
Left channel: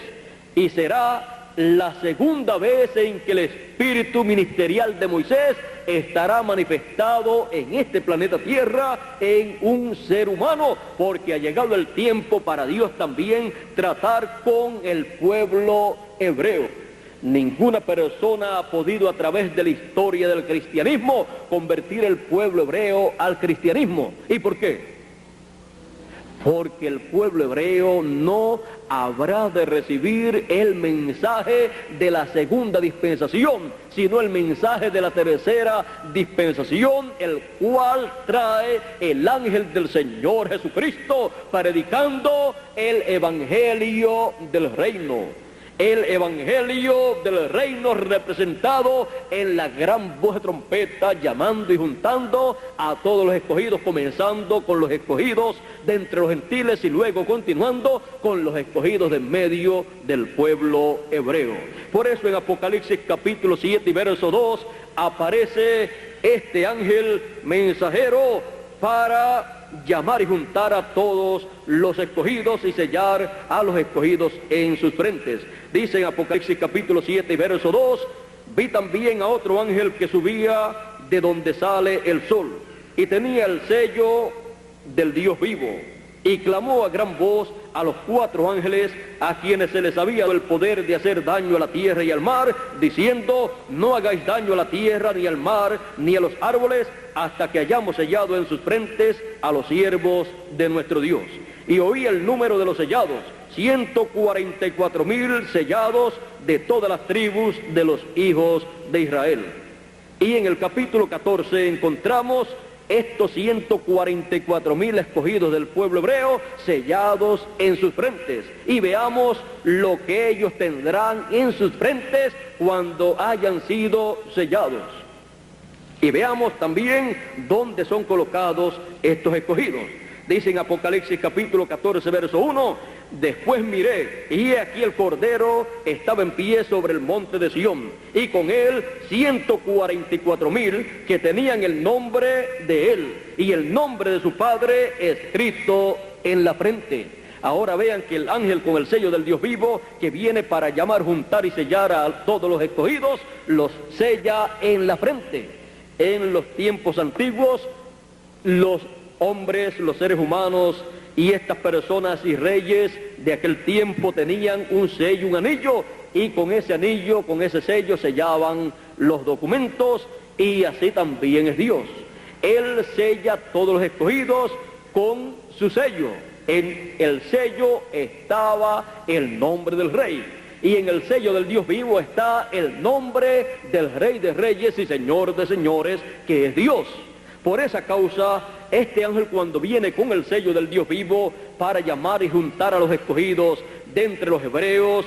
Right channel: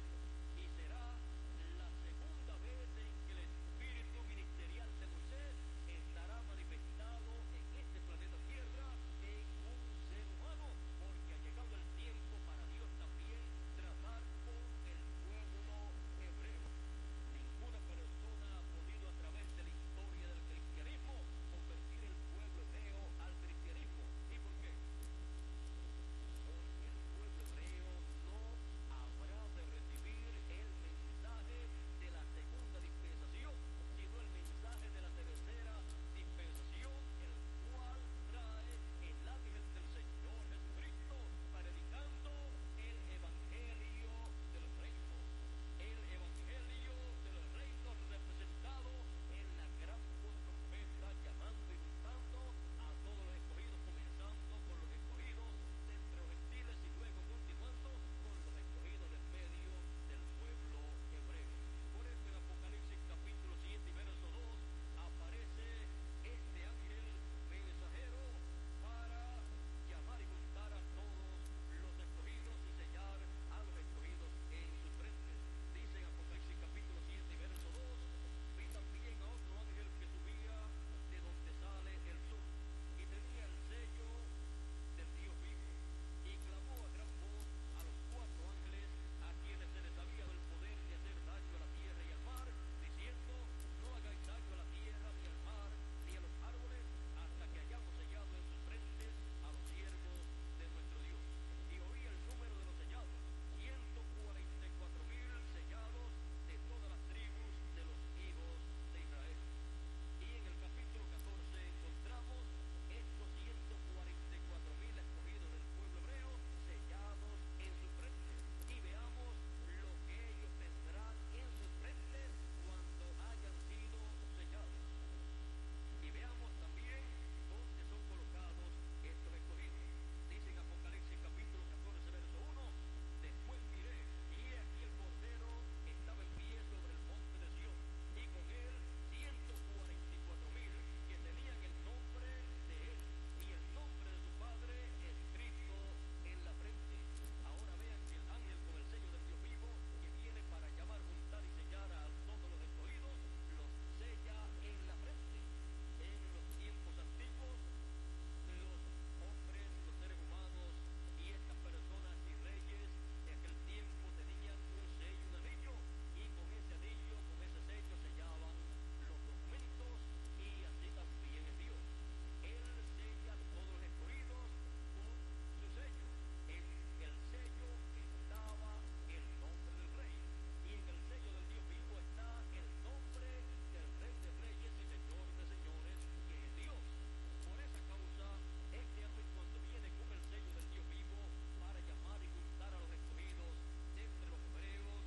Y será la 2ª vez en que el espíritu ministerial de Moisés estará manifestado en este planeta Tierra en un ser humano, porque ha llegado el tiempo para Dios también tratar con el pueblo hebreo. Ninguna persona ha podido a través de la historia del cristianismo convertir el pueblo hebreo al cristianismo. ¿Y por qué? Porque el pueblo hebreo no habrá de recibir el mensaje de la 2ª dispensación, sino el mensaje de la 3ª dispensación, el cual trae el ángel del Señor Jesucristo, predicando el evangelio del reino. El evangelio del reino representado en la gran voz de trompeta, llamando y juntando a todos los escogidos, comenzando con los escogidos de entre los gentiles y luego continuando con los escogidos de en medio del pueblo hebreo. Por eso en Apocalipsis capítulo 7 y verso 2 aparece este ángel mensajero para llamar y juntar a todos los escogidos y sellar a los escogidos en sus frentes. Dice en Apocalipsis capítulo 7 y verso 2: vi también a otro ángel que subía de donde sale el sol, y tenía el sello del Dios vivo, y clamó a gran voz a los 4 ángeles a quienes se les había dado el poder de hacer daño a la tierra y al mar, diciendo: no hagáis daño a la tierra, ni al mar, ni a los árboles, hasta que hayamos sellado en sus frentes a los siervos de nuestro Dios. Y oí el número de los sellados: 144,000 sellados de todas las tribus de los hijos de Israel. Y en el capítulo 14 encontramos estos 144,000 escogidos del pueblo hebreo sellados en sus frentes. Y veamos lo que ellos tendrán en sus frentes cuando hayan sido sellados. Y veamos también dónde son colocados estos escogidos. Dice en Apocalipsis capítulo 14 verso 1: después miré, y he aquí el Cordero estaba en pie sobre el monte de Sión, y con él 144,000 que tenían el nombre de él y el nombre de su padre escrito en la frente. Ahora vean que el ángel con el sello del Dios vivo, que viene para llamar, juntar y sellar a todos los escogidos, los sella en la frente. En los tiempos antiguos, los hombres, los seres humanos y estas personas y reyes de aquel tiempo tenían un sello, un anillo, y con ese anillo, con ese sello sellaban los documentos, y así también es Dios. Él sella todos los escogidos con su sello. En el sello estaba el nombre del rey, y en el sello del Dios vivo está el nombre del Rey de Reyes y Señor de Señores, que es Dios. Por esa causa, este ángel, cuando viene con el sello del Dios vivo para llamar y juntar a los escogidos de entre los hebreos,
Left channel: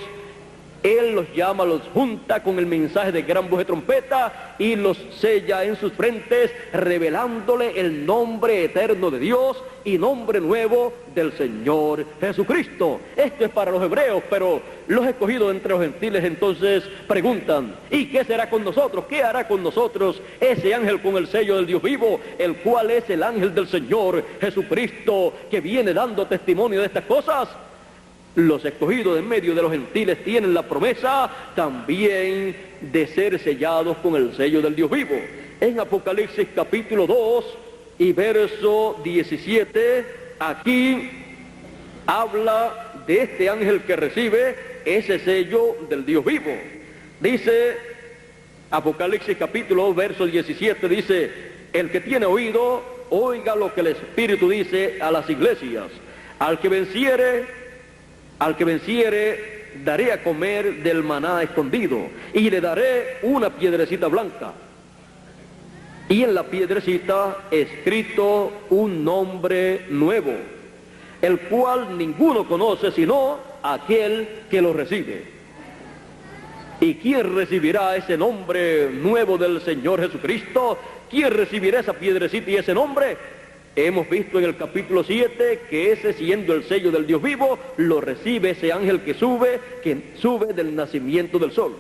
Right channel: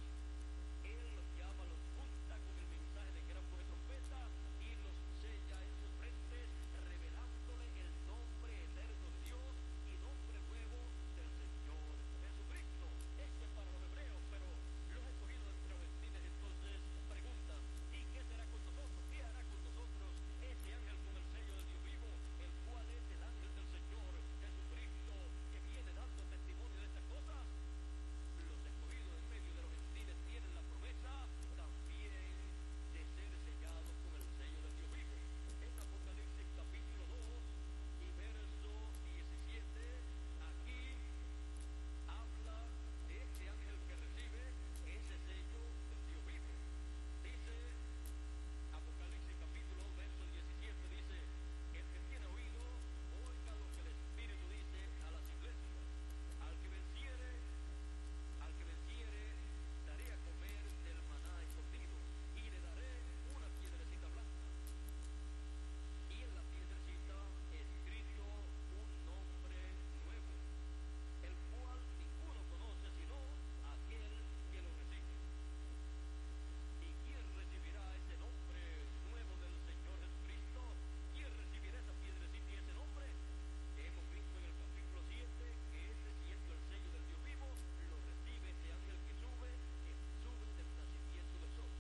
él los llama, los junta con el mensaje de gran voz de trompeta y los sella en sus frentes, revelándole el nombre eterno de Dios y nombre nuevo del Señor Jesucristo. Esto es para los hebreos, pero los escogidos entre los gentiles entonces preguntan: ¿y qué será con nosotros? ¿Qué hará con nosotros ese ángel con el sello del Dios vivo, el cual es el ángel del Señor Jesucristo, que viene dando testimonio de estas cosas? Los escogidos en medio de los gentiles tienen la promesa también de ser sellados con el sello del Dios vivo. En Apocalipsis capítulo 2 y verso 17, aquí habla de este ángel que recibe ese sello del Dios vivo. Dice Apocalipsis capítulo 2 verso 17, dice: el que tiene oído, oiga lo que el Espíritu dice a las iglesias. Al que venciere, daré a comer del maná escondido, y le daré una piedrecita blanca, y en la piedrecita escrito un nombre nuevo, el cual ninguno conoce sino aquel que lo recibe. ¿Y quién recibirá ese nombre nuevo del Señor Jesucristo? ¿Quién recibirá esa piedrecita y ese nombre? Hemos visto en el capítulo 7 que ese, siendo el sello del Dios vivo, lo recibe ese ángel que sube del nacimiento del sol.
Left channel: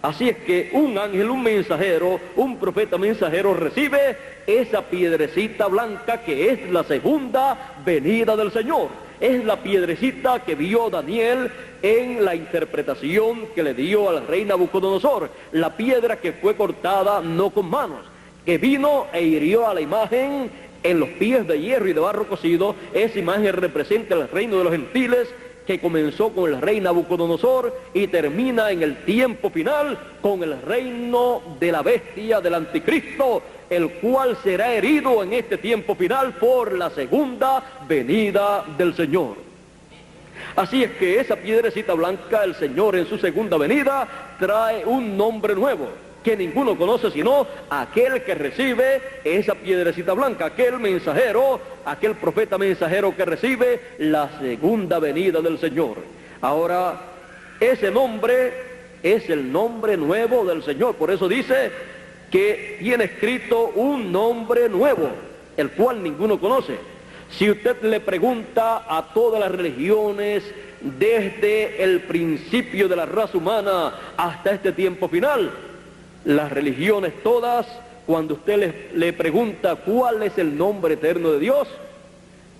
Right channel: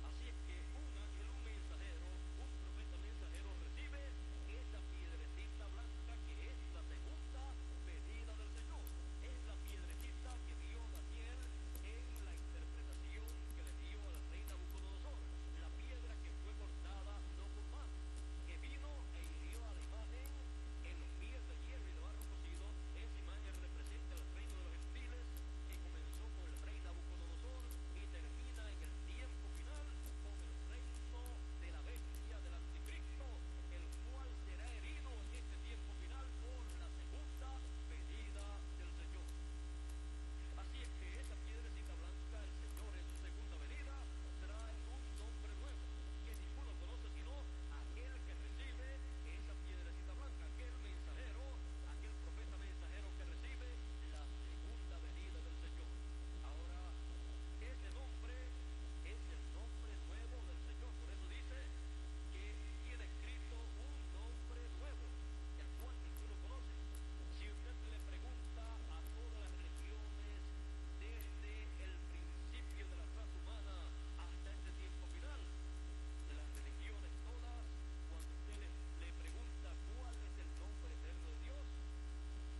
Así es que un ángel, un mensajero, un profeta mensajero recibe esa piedrecita blanca que es la segunda venida del Señor. Es la piedrecita que vio Daniel en la interpretación que le dio al rey Nabucodonosor. La piedra que fue cortada no con manos, que vino e hirió a la imagen en los pies de hierro y de barro cocido. Esa imagen representa el reino de los gentiles, que comenzó con el rey Nabucodonosor y termina en el tiempo final con el reino de la bestia, del anticristo, el cual será herido en este tiempo final por la segunda venida del Señor. Así es que esa piedrecita blanca, el Señor en su segunda venida trae un nombre nuevo, que ninguno conoce sino aquel que recibe esa piedrecita blanca, aquel mensajero, aquel profeta mensajero que recibe la segunda venida del Señor. Ahora, ese nombre es el nombre nuevo del Señor. Por eso dice que tiene escrito un nombre nuevo, el cual ninguno conoce. Si usted le pregunta a todas las religiones desde el principio de la raza humana hasta este tiempo final, las religiones todas, cuando usted le pregunta cuál es el nombre eterno de Dios,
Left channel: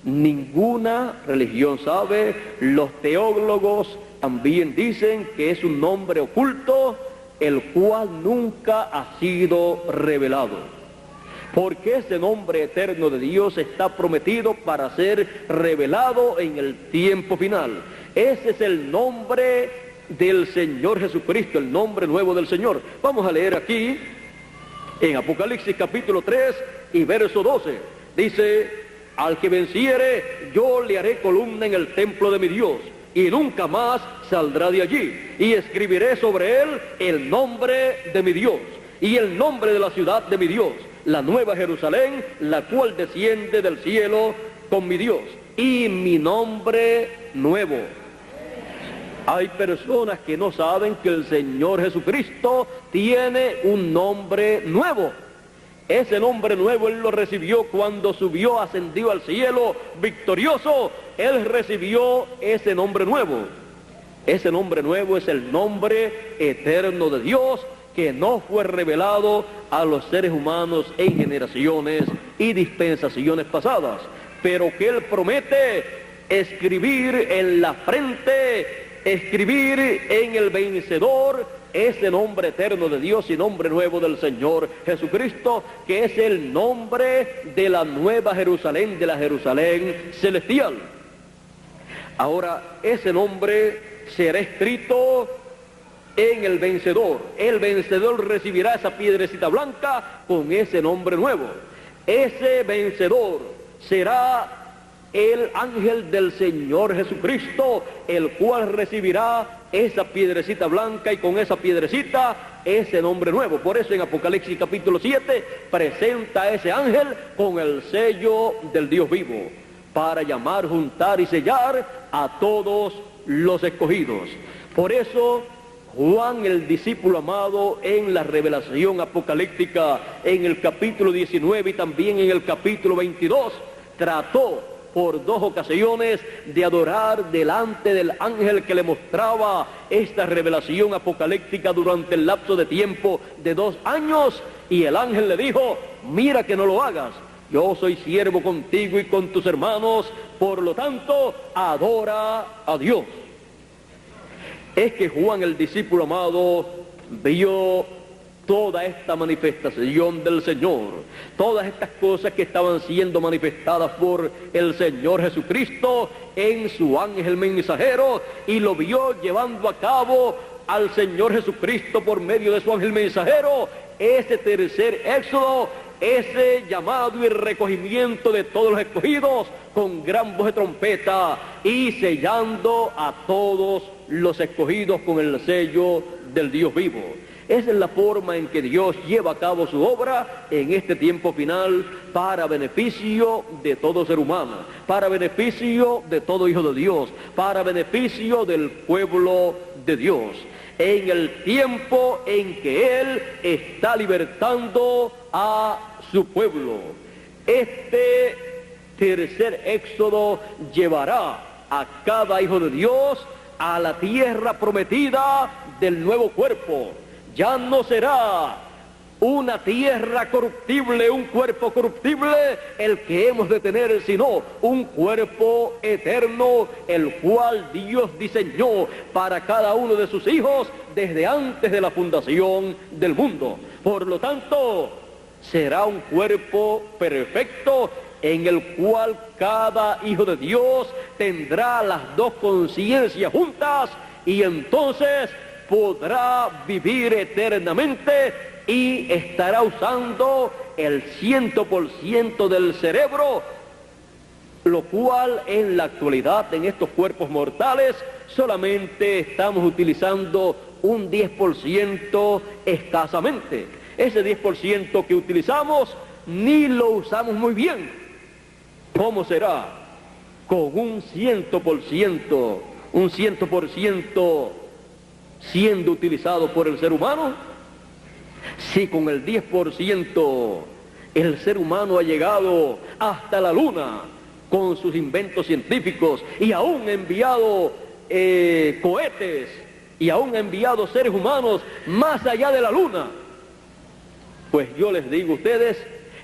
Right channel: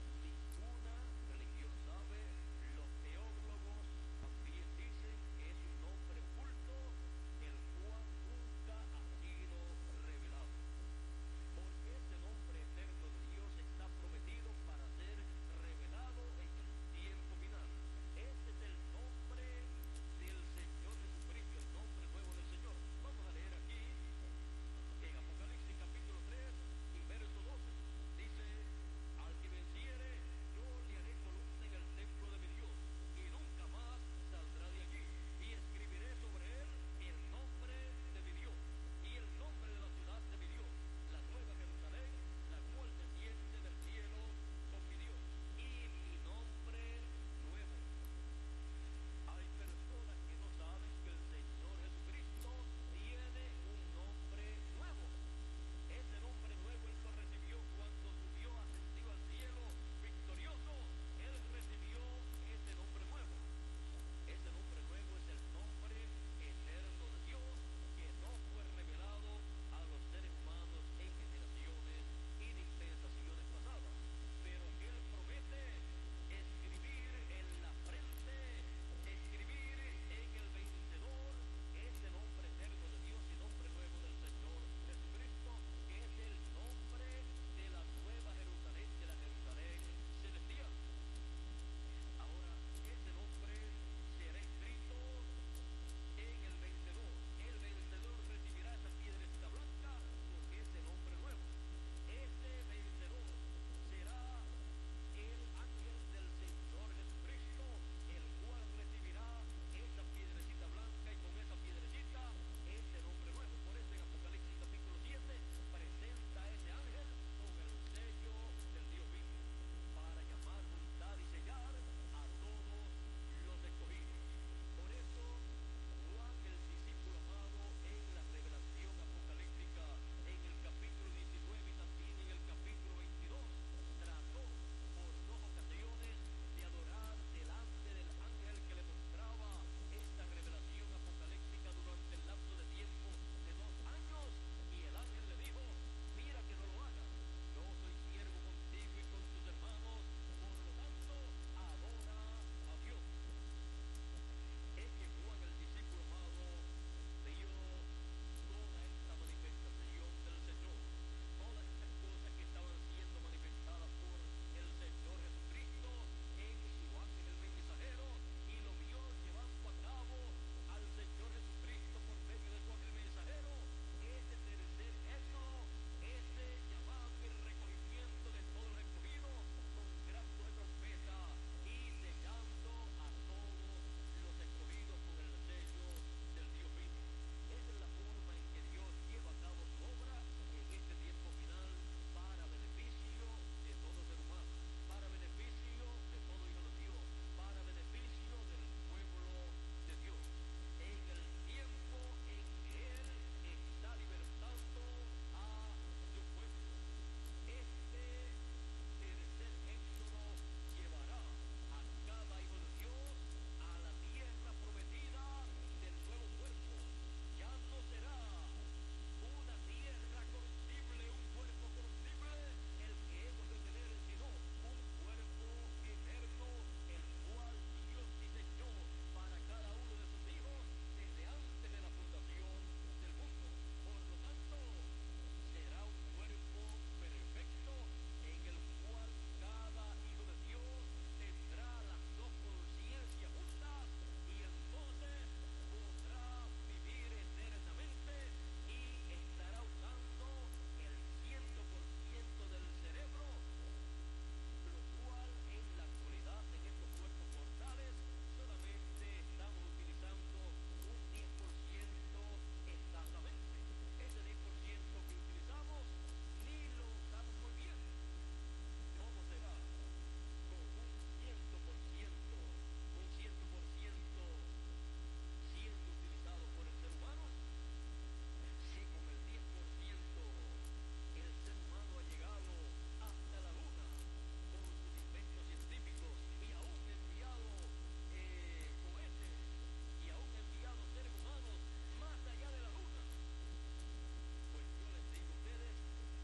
ninguna religión sabe. Los teólogos también dicen que es un nombre oculto, el cual nunca ha sido revelado. Porque ese nombre eterno de Dios está prometido para ser revelado en el tiempo final. Ese es el nombre del Señor Jesucristo, el nombre nuevo del Señor. Vamos a leer aquí en Apocalipsis capítulo 3 y verso 12. Dice: al que venciere, yo le haré columna en el templo de mi Dios, y nunca más saldrá de allí, y escribiré sobre él el nombre de mi Dios y el nombre de la ciudad de mi Dios, la nueva Jerusalén, la cual desciende del cielo con mi Dios, y mi nombre nuevo. Hay personas que no saben que el Señor Jesucristo tiene un nombre nuevo. Ese nombre nuevo Él lo recibió cuando subió, ascendió al cielo victorioso. Él recibió ese nombre nuevo. Ese nombre nuevo es el nombre eterno de Dios, que no fue revelado a los seres humanos en generaciones y dispensaciones pasadas, pero que Él promete escribir en la frente, escribir en el vencedor, ese nombre eterno de Dios y nombre nuevo del Señor Jesucristo, que es el nombre de la nueva Jerusalén, de la Jerusalén celestial. Ahora, ese nombre será escrito en el vencedor. El vencedor recibirá esa piedrecita blanca con ese nombre nuevo. Ese vencedor será el ángel del Señor Jesucristo, el cual recibirá esa piedrecita blanca y con esa piedrecita ese nombre nuevo. Por eso en Apocalipsis capítulo 7 presenta a ese ángel con el sello del Dios vivo, para llamar, juntar y sellar a todos los escogidos. Por eso Juan, el discípulo amado, en la revelación apocalíptica, en el capítulo 19 y también en el capítulo 22, trató por 2 ocasiones de adorar delante del ángel que le mostraba esta revelación apocalíptica durante el lapso de tiempo de 2 años, y el ángel le dijo: mira que no lo hagas, yo soy siervo contigo y con tus hermanos, por lo tanto adora a Dios. Es que Juan, el discípulo amado, vio toda esta manifestación del Señor, todas estas cosas que estaban siendo manifestadas por el Señor Jesucristo en su ángel mensajero, y lo vio llevando a cabo al Señor Jesucristo por medio de su ángel mensajero, ese tercer éxodo, ese llamado y recogimiento de todos los escogidos con gran voz de trompeta y sellando a todos los escogidos con el sello del Dios vivo. Esa es la forma en que Dios lleva a cabo su obra en este tiempo final para beneficio de todo ser humano, para beneficio de todo hijo de Dios, para beneficio del pueblo de Dios, en el tiempo en que Él está libertando a su pueblo. Este tercer éxodo llevará a cada hijo de Dios a la tierra prometida del nuevo cuerpo. Ya no será una tierra corruptible, un cuerpo corruptible el que hemos de tener, sino un cuerpo eterno, el cual Dios diseñó para cada uno de sus hijos desde antes de la fundación del mundo. Por lo tanto, será un cuerpo perfecto en el cual cada hijo de Dios tendrá las dos conciencias juntas y entonces podrá vivir eternamente y estará usando el 100% del cerebro, lo cual en la actualidad en estos cuerpos mortales solamente estamos utilizando un 10% escasamente. Ese 10% que utilizamos ni lo usamos muy bien. ¿Cómo será? Con un 100% siendo utilizado por el ser humano. Si con el 10% el ser humano ha llegado hasta la luna con sus inventos científicos y aún ha enviado cohetes y aún ha enviado seres humanos más allá de la luna, pues yo les digo a ustedes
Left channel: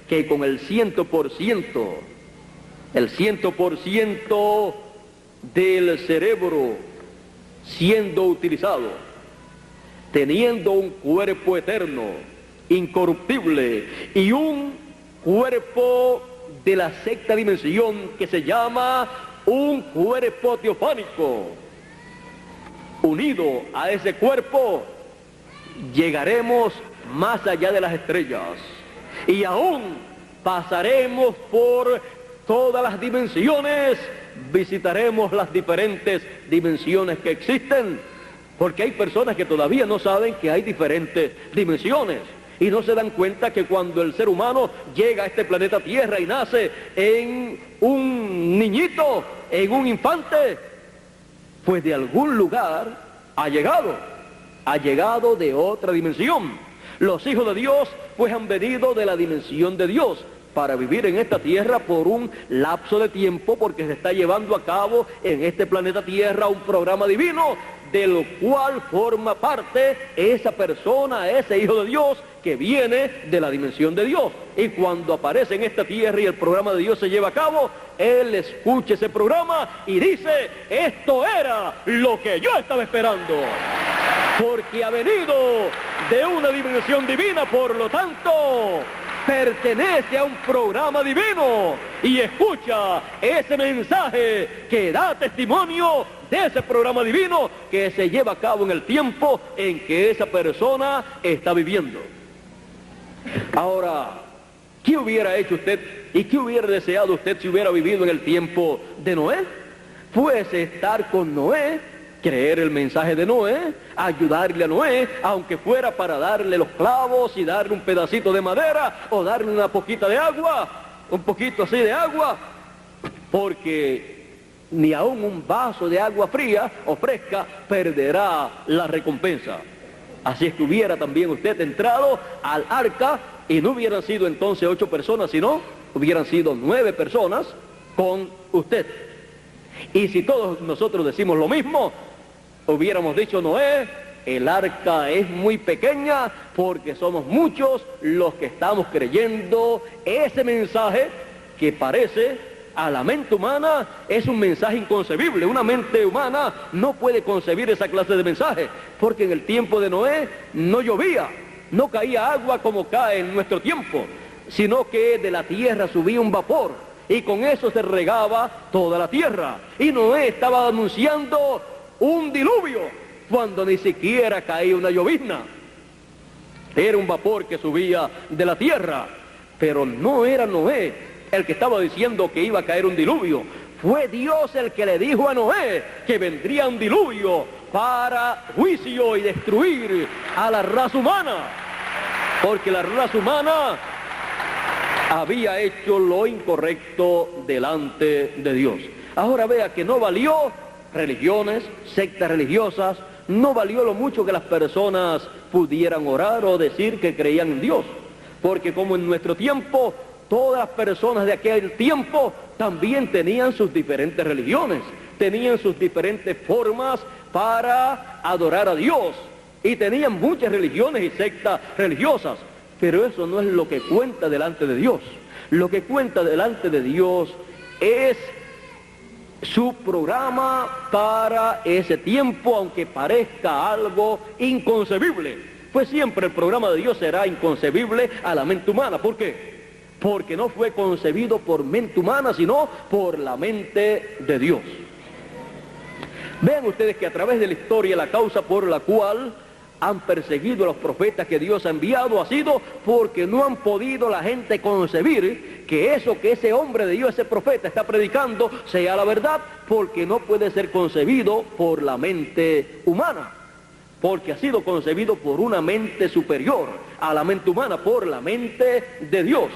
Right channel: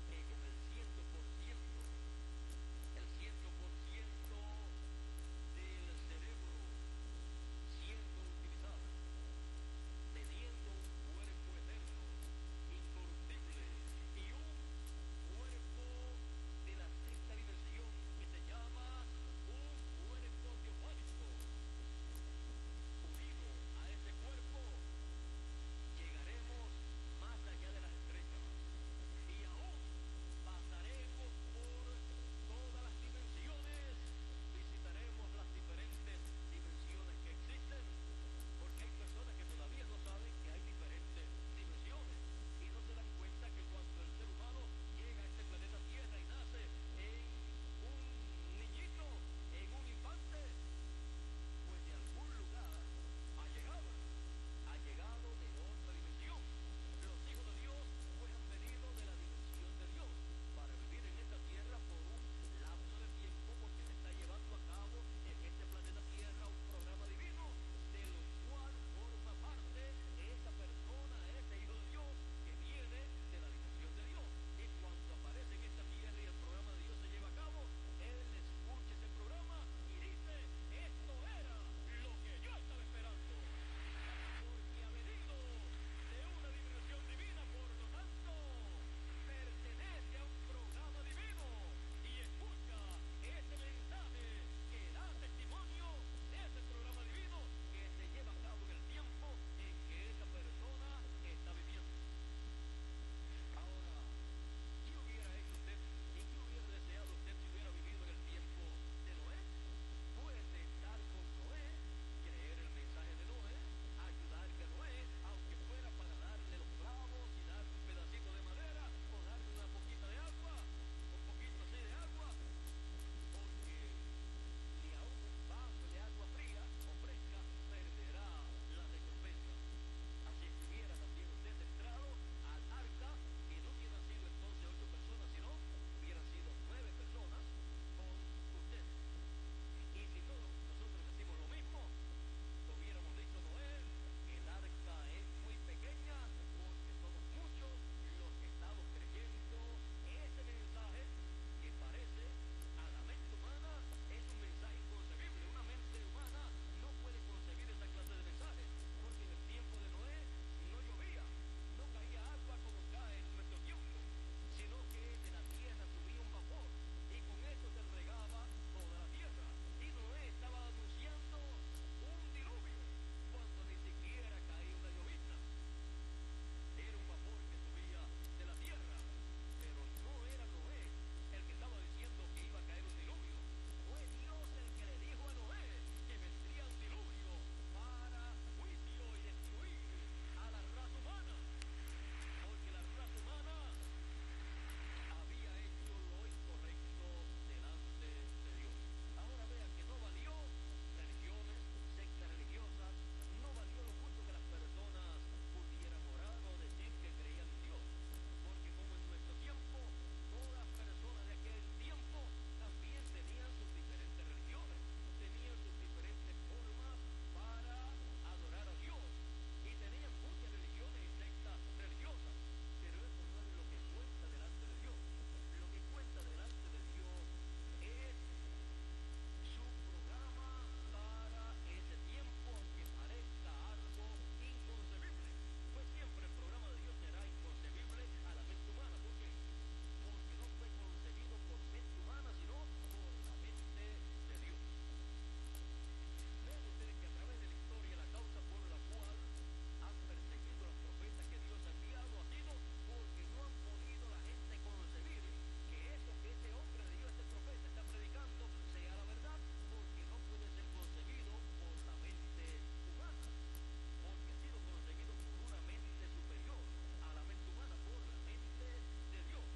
que con el 100% del cerebro siendo utilizado, teniendo un cuerpo eterno, incorruptible, y un cuerpo de la sexta dimensión que se llama un cuerpo teofánico, unido a ese cuerpo, llegaremos más allá de las estrellas y aún pasaremos por todas las dimensiones, visitaremos las diferentes dimensiones que existen, porque hay personas que todavía no saben que hay diferentes dimensiones y no se dan cuenta que cuando el ser humano llega a este planeta Tierra y nace en un niñito, en un infante, pues de algún lugar ha llegado de otra dimensión. Los hijos de Dios pues han venido de la dimensión de Dios para vivir en esta tierra por un lapso de tiempo, porque se está llevando a cabo en este planeta Tierra un programa divino del cual forma parte esa persona, ese hijo de Dios que viene de la dimensión de Dios. Y cuando aparece en esta tierra y el programa de Dios se lleva a cabo, él escucha ese programa y dice: esto era lo que yo estaba esperando, porque ha venido de una dimensión divina, por lo tanto pertenece a un programa divino y escucha ese mensaje que da testimonio de ese programa divino que se lleva a cabo en el tiempo en que esa persona está viviendo. Ahora, ¿qué hubiera hecho usted y qué hubiera deseado usted si hubiera vivido en el tiempo de Noé? Pues estar con Noé, creer el mensaje de Noé, ayudarle a Noé, aunque fuera para darle los clavos y darle un pedacito de madera o darle una poquita de agua, un poquito así de agua, porque ni aún un vaso de agua fría o fresca perderá la recompensa. Así es que hubiera también usted entrado al arca y no hubieran sido entonces 8 personas, sino hubieran sido 9 personas con usted. Y si todos nosotros decimos lo mismo, hubiéramos dicho: Noé, el arca es muy pequeña porque somos muchos los que estamos creyendo ese mensaje que parece a la mente humana es un mensaje inconcebible. Una mente humana no puede concebir esa clase de mensaje, porque en el tiempo de Noé no llovía, no caía agua como cae en nuestro tiempo, sino que de la tierra subía un vapor, y con eso se regaba toda la tierra. Y Noé estaba anunciando un diluvio, cuando ni siquiera caía una llovizna. Era un vapor que subía de la tierra, pero no era Noé el que estaba diciendo que iba a caer un diluvio. Fue Dios el que le dijo a Noé que vendría un diluvio para juicio y destruir a la raza humana, porque la raza humana había hecho lo incorrecto delante de Dios. Ahora vea que no valió religiones, sectas religiosas, no valió lo mucho que las personas pudieran orar o decir que creían en Dios, porque como en nuestro tiempo, todas las personas de aquel tiempo también tenían sus diferentes religiones, tenían sus diferentes formas para adorar a Dios, y tenían muchas religiones y sectas religiosas, pero eso no es lo que cuenta delante de Dios. Lo que cuenta delante de Dios es su programa para ese tiempo, aunque parezca algo inconcebible. Pues siempre el programa de Dios será inconcebible a la mente humana. ¿Por qué? Porque no fue concebido por mente humana, sino por la mente de Dios. Vean ustedes que a través de la historia la causa por la cual han perseguido a los profetas que Dios ha enviado ha sido porque no han podido la gente concebir que eso que ese hombre de Dios, ese profeta está predicando sea la verdad, porque no puede ser concebido por la mente humana, porque ha sido concebido por una mente superior a la mente humana, por la mente de Dios.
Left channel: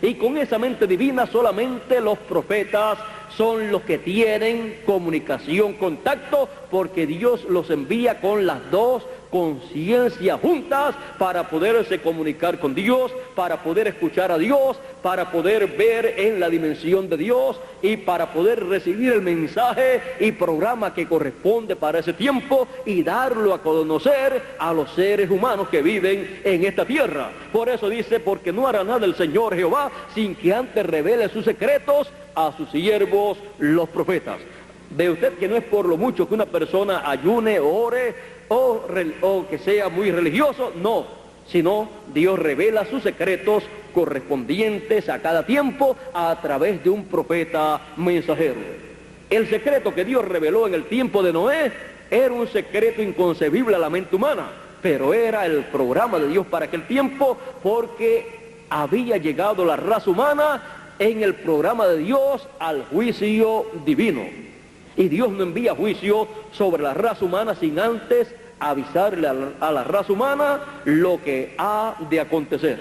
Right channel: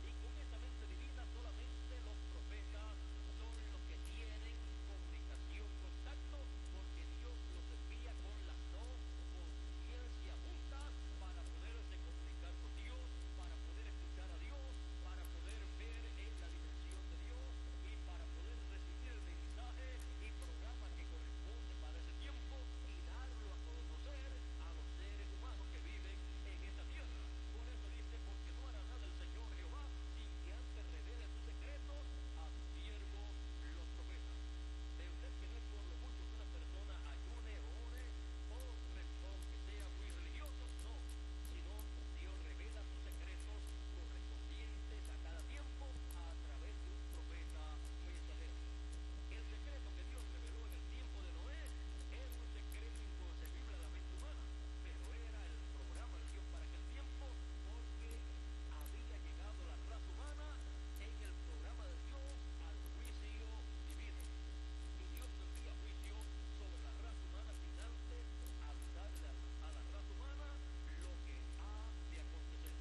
Y con esa mente divina solamente los profetas son los que tienen comunicación, contacto, porque Dios los envía con las dos conciencias juntas para poderse comunicar con Dios, para poder escuchar a Dios, para poder ver en la dimensión de Dios y para poder recibir el mensaje y programa que corresponde para ese tiempo y darlo a conocer a los seres humanos que viven en esta tierra. Por eso dice, porque no hará nada el Señor Jehová sin que antes revele sus secretos a sus siervos los profetas. Ve usted que no es por lo mucho que una persona ayune, ore o que sea muy religioso, no, sino Dios revela sus secretos correspondientes a cada tiempo a través de un profeta mensajero. El secreto que Dios reveló en el tiempo de Noé era un secreto inconcebible a la mente humana, pero era el programa de Dios para aquel tiempo, porque había llegado la raza humana en el programa de Dios al juicio divino. Y Dios no envía juicio sobre la raza humana sin antes avisarle a la raza humana lo que ha de acontecer.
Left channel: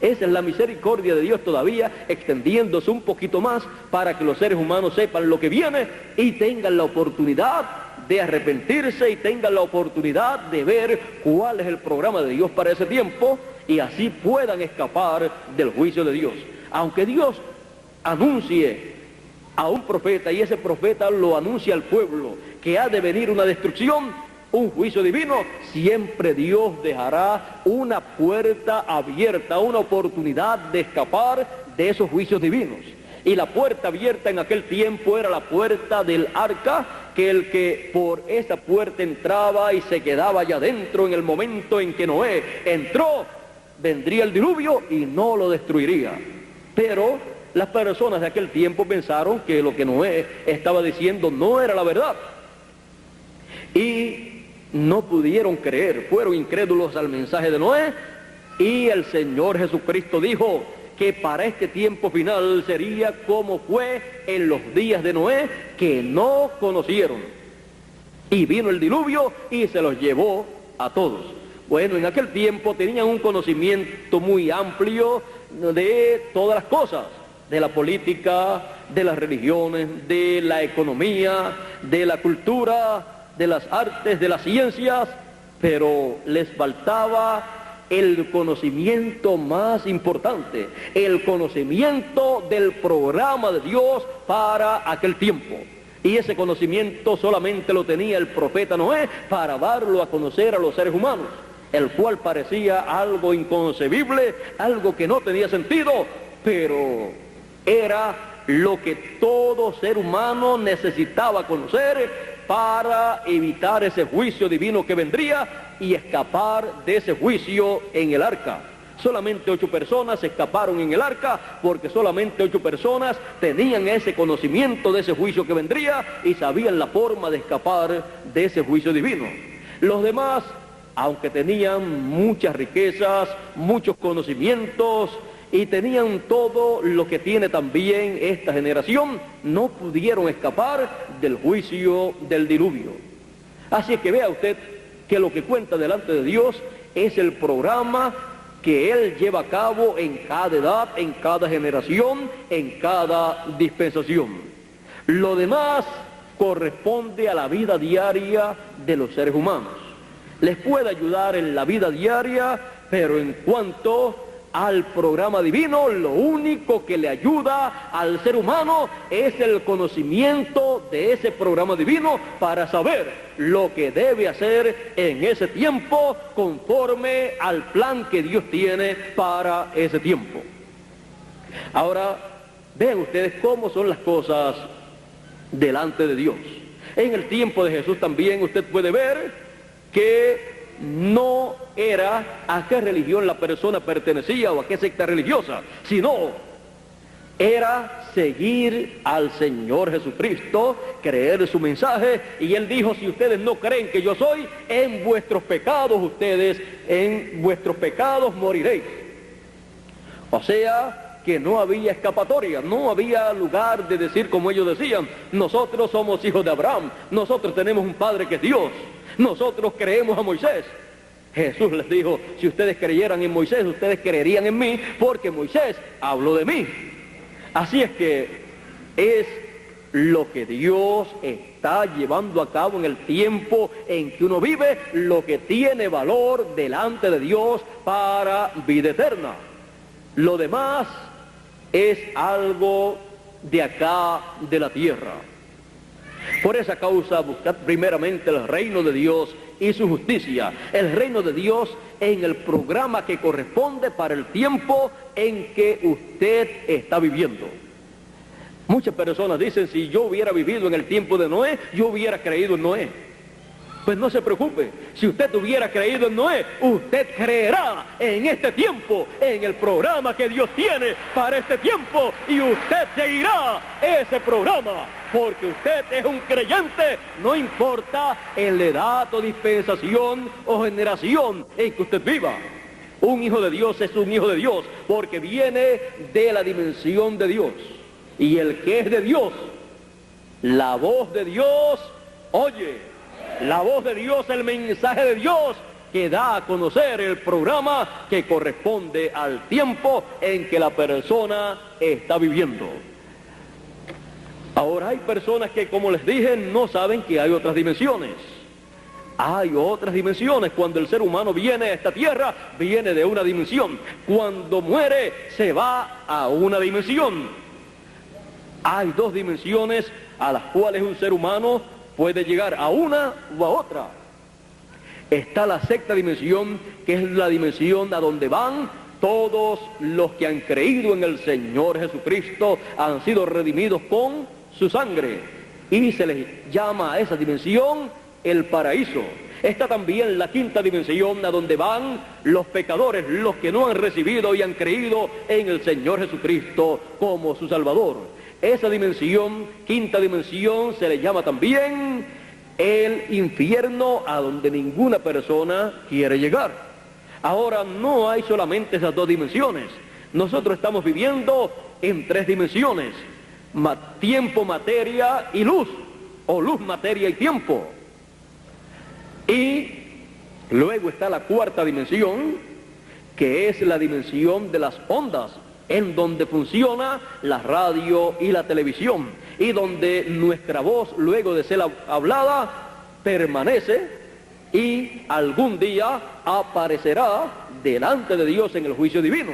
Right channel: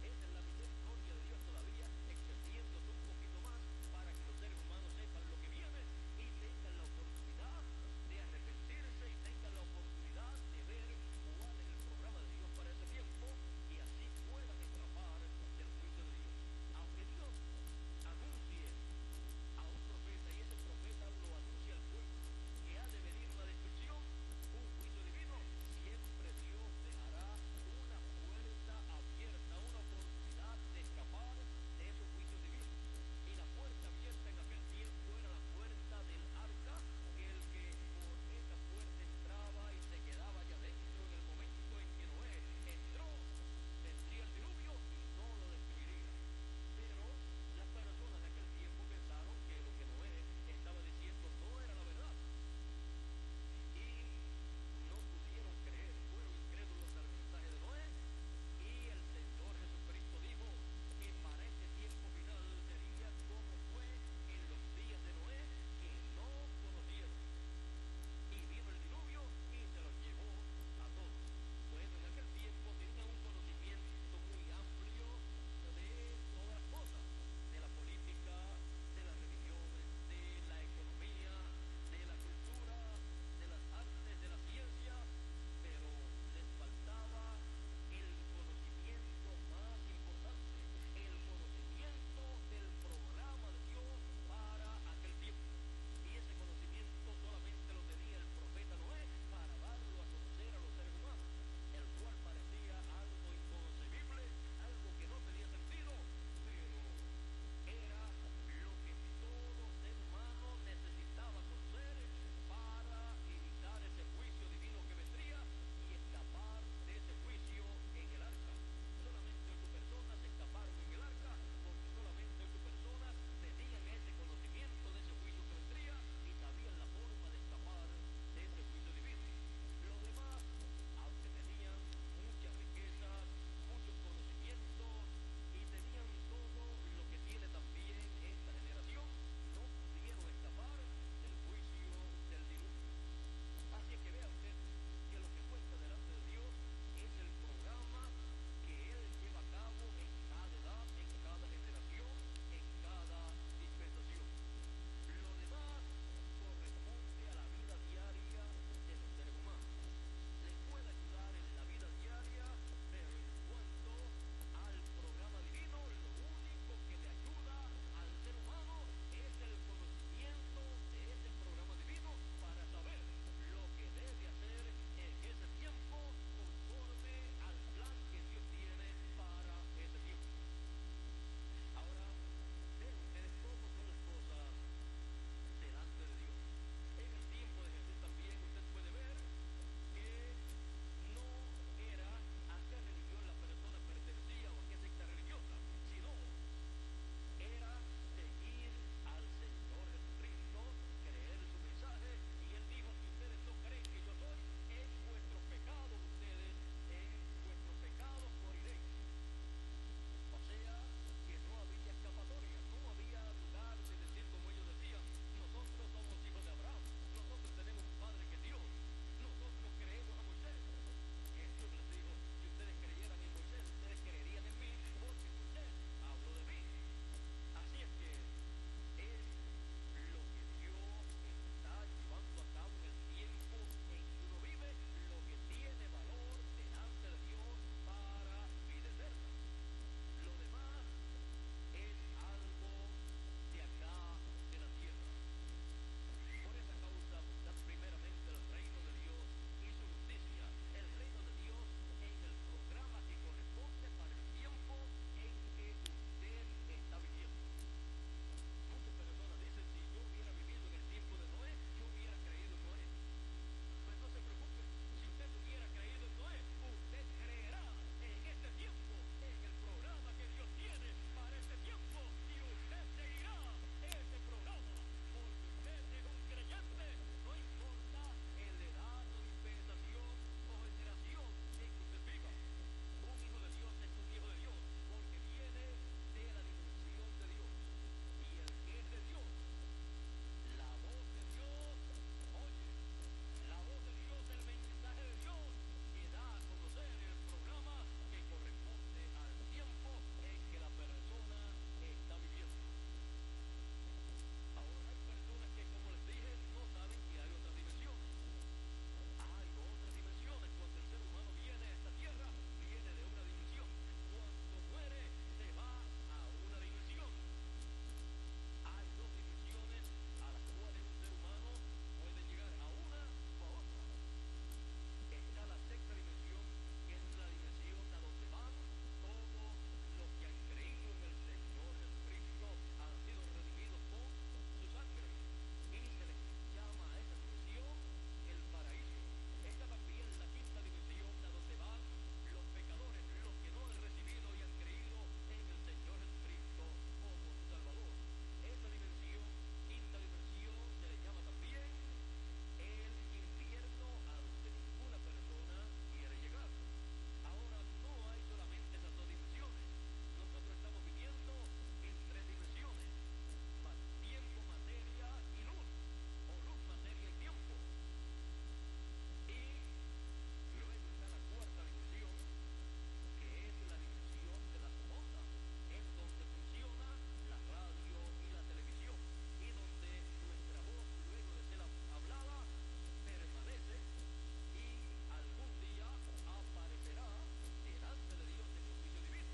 Esa es la misericordia de Dios todavía extendiéndose un poquito más para que los seres humanos sepan lo que viene y tengan la oportunidad de arrepentirse y tengan la oportunidad de ver cuál es el programa de Dios para ese tiempo y así puedan escapar del juicio de Dios. Aunque Dios anuncie a un profeta y ese profeta lo anuncia al pueblo que ha de venir una destrucción, un juicio divino, siempre Dios dejará una puerta abierta, una oportunidad de escapar de esos juicios divinos. Y la puerta abierta en aquel tiempo era la puerta del arca, que el que por esa puerta entraba y se quedaba allá adentro en el momento en que Noé entró, vendría el diluvio y no lo destruiría. Pero las personas de aquel tiempo pensaron que lo que Noé estaba diciendo no era la verdad y no pudieron creer, fueron incrédulos al mensaje de Noé, y el Señor Jesucristo dijo que para este tiempo final sería como fue en los días de Noé, que no conocieron, y vino el diluvio y se los llevó a todos. Bueno, en aquel tiempo tenían un conocimiento muy amplio de todas las cosas, de la política, de las religiones, de la economía, de la cultura, de las artes, de las ciencias, pero les faltaba el conocimiento más importante, el conocimiento del programa de Dios para aquel tiempo. Y ese conocimiento solamente lo tenía el profeta Noé para darlo a conocer a los seres humanos, el cual parecía algo inconcebible, algo que no tenía sentido, pero era lo que todo ser humano necesitaba conocer para evitar ese juicio divino que vendría y escapar de ese juicio en el arca. Solamente 8 personas escaparon en el arca porque solamente 8 personas tenían ese conocimiento de ese juicio que vendría y sabían la forma de escapar de ese juicio divino. Los demás, aunque tenían muchas riquezas, muchos conocimientos y tenían todo lo que tiene también esta generación, no pudieron escapar del juicio del diluvio. Así es que vea usted que lo que cuenta delante de Dios es el programa que Él lleva a cabo en cada edad, en cada generación, en cada dispensación. Lo demás corresponde a la vida diaria de los seres humanos. Les puede ayudar en la vida diaria, pero en cuanto al programa divino, lo único que le ayuda al ser humano es el conocimiento de ese programa divino para saber lo que debe hacer en ese tiempo conforme al plan que Dios tiene para ese tiempo. Ahora, vean ustedes cómo son las cosas delante de Dios. En el tiempo de Jesús también usted puede ver que no era a qué religión la persona pertenecía o a qué secta religiosa, sino era seguir al Señor Jesucristo, creer su mensaje, y Él dijo: si ustedes no creen que yo soy, en vuestros pecados en vuestros pecados moriréis. O sea, que no había escapatoria, no había lugar de decir como ellos decían: nosotros somos hijos de Abraham, nosotros tenemos un Padre que es Dios, nosotros creemos a Moisés. Jesús les dijo: si ustedes creyeran en Moisés, ustedes creerían en mí, porque Moisés habló de mí. Así es que es lo que Dios está llevando a cabo en el tiempo en que uno vive, lo que tiene valor delante de Dios para vida eterna. Lo demás es algo de acá, de la tierra. Por esa causa, buscad primeramente el reino de Dios y su justicia, el reino de Dios en el programa que corresponde para el tiempo en que usted está viviendo. Muchas personas dicen: si yo hubiera vivido en el tiempo de Noé, yo hubiera creído en Noé. Pues no se preocupe, si usted hubiera creído en Noé, usted creerá en este tiempo, en el programa que Dios tiene para este tiempo, y usted seguirá ese programa, porque usted es un creyente, no importa en la edad o dispensación o generación en que usted viva. Un hijo de Dios es un hijo de Dios, porque viene de la dimensión de Dios. Y el que es de Dios, la voz de Dios oye. La voz de Dios, el mensaje de Dios que da a conocer el programa que corresponde al tiempo en que la persona está viviendo. Ahora, hay personas que, como les dije, no saben que hay otras dimensiones. Hay otras dimensiones. Cuando el ser humano viene a esta tierra, viene de una dimensión. Cuando muere, se va a una dimensión. Hay 2 dimensiones a las cuales un ser humano puede llegar, a una o a otra. Está la sexta dimensión, que es la dimensión a donde van todos los que han creído en el Señor Jesucristo, han sido redimidos con su sangre, y se les llama a esa dimensión el paraíso. Está también la quinta dimensión, a donde van los pecadores, los que no han recibido y han creído en el Señor Jesucristo como su Salvador. Esa dimensión, quinta dimensión, se le llama también el infierno, a donde ninguna persona quiere llegar. Ahora, no hay solamente esas 2 dimensiones. Nosotros estamos viviendo en 3 dimensiones: tiempo, materia y luz, o luz, materia y tiempo. Y luego está la cuarta dimensión, que es la dimensión de las ondas, en donde funciona la radio y la televisión, y donde nuestra voz, luego de ser hablada, permanece y algún día aparecerá delante de Dios en el juicio divino.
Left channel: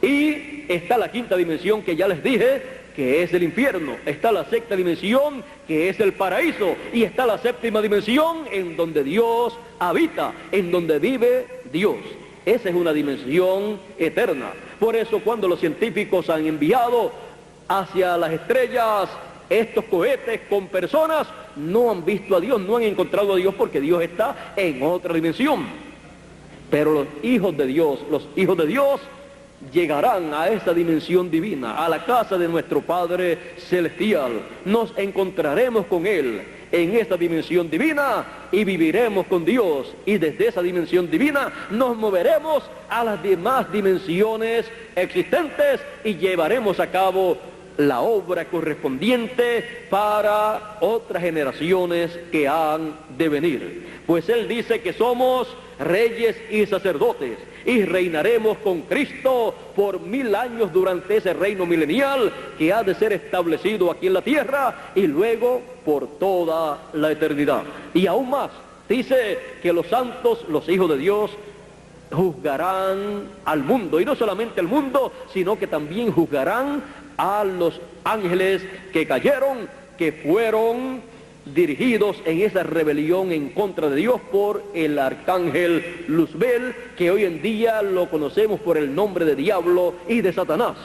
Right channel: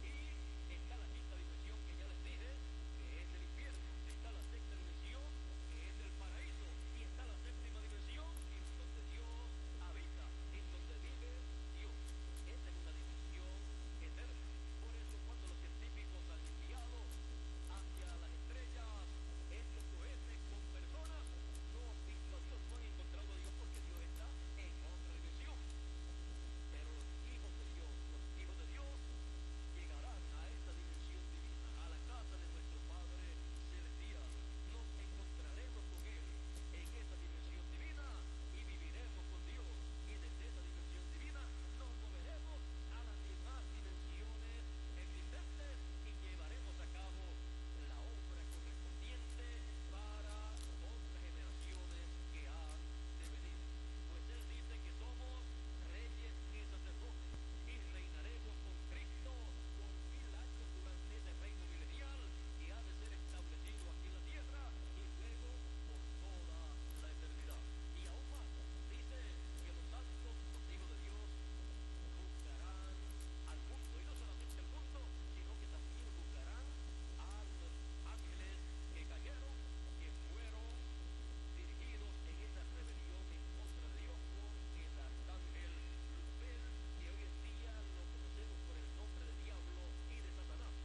Y está la quinta dimensión, que ya les dije, que es el infierno. Está la sexta dimensión, que es el paraíso, y está la séptima dimensión, en donde Dios habita, en donde vive Dios. Esa es una dimensión eterna. Por eso, cuando los científicos han enviado hacia las estrellas, estos cohetes con personas no han visto a Dios, no han encontrado a Dios porque Dios está en otra dimensión. Pero los hijos de Dios llegarán a esta dimensión divina, a la casa de nuestro Padre Celestial. Nos encontraremos con Él en esta dimensión divina y viviremos con Dios. Y desde esa dimensión divina nos moveremos a las demás dimensiones existentes y llevaremos a cabo la obra correspondiente para otras generaciones que han de venir. Pues Él dice que somos reyes y sacerdotes y reinaremos con Cristo por 1000 años durante ese reino milenial que ha de ser establecido aquí en la tierra y luego por toda la eternidad. Y aún más, dice que los santos, los hijos de Dios, juzgarán al mundo, y no solamente al mundo, sino que también juzgarán a los ángeles que cayeron, que fueron dirigidos en esa rebelión en contra de Dios por el arcángel Luzbel, que hoy en día lo conocemos por el nombre de diablo y de Satanás.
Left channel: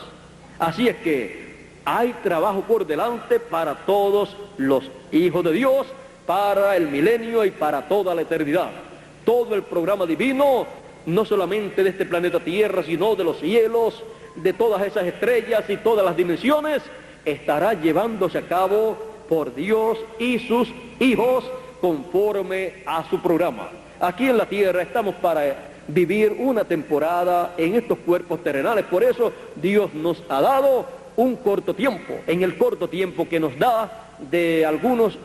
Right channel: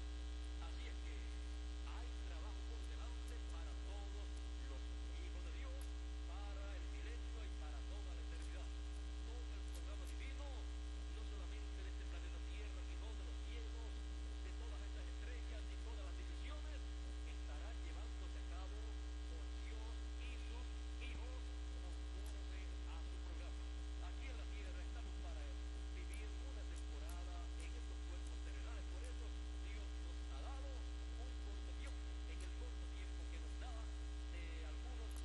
Así es que hay trabajo por delante para todos los hijos de Dios, para el milenio y para toda la eternidad. Todo el programa divino, no solamente de este planeta Tierra, sino de los cielos, de todas esas estrellas y todas las dimensiones, estará llevándose a cabo por Dios y sus hijos conforme a su programa. Aquí en la tierra estamos para vivir una temporada en estos cuerpos terrenales, por eso Dios nos ha dado un corto tiempo. En el corto tiempo que nos da,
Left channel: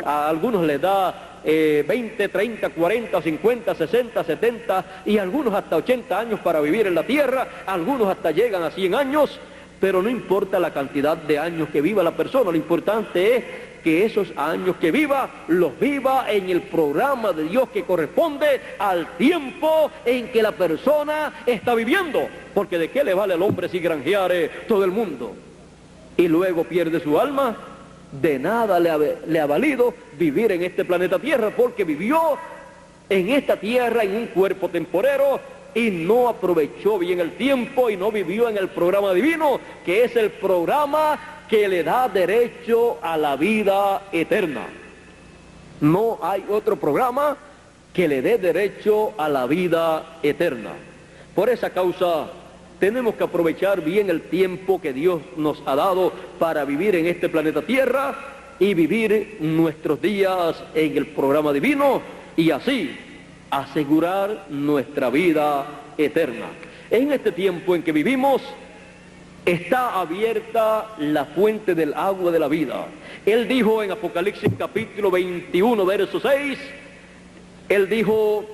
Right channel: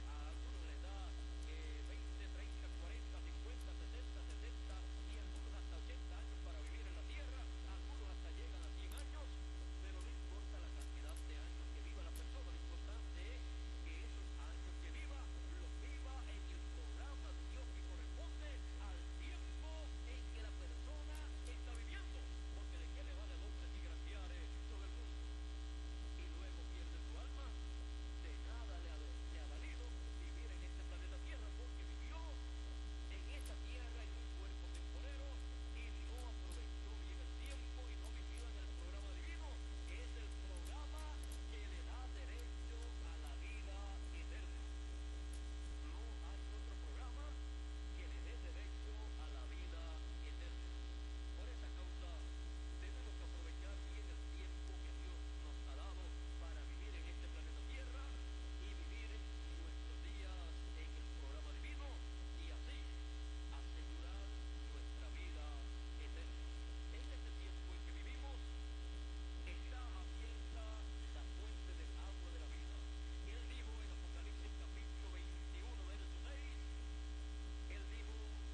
a algunos les da 20, 30, 40, 50, 60, 70 y algunos hasta 80 años para vivir en la tierra, algunos hasta llegan a 100 años, pero no importa la cantidad de años que viva la persona, lo importante es que esos años que viva, los viva en el programa de Dios que corresponde al tiempo en que la persona está viviendo, porque ¿de qué le vale al hombre si granjeare todo el mundo y luego pierde su alma? De nada le ha valido vivir en este planeta Tierra, porque vivió en esta tierra en un cuerpo temporero y no aprovechó bien el tiempo y no vivió en el programa divino, que es el programa que le da derecho a la vida eterna. No hay otro programa que le dé derecho a la vida eterna. Por esa causa tenemos que aprovechar bien el tiempo que Dios nos ha dado para vivir en este planeta Tierra y vivir nuestros días en el programa divino y así asegurar nuestra vida eterna. En este tiempo en que vivimos está abierta la fuente del agua de la vida. Él dijo en Apocalipsis capítulo 21, verso 6, Él dijo:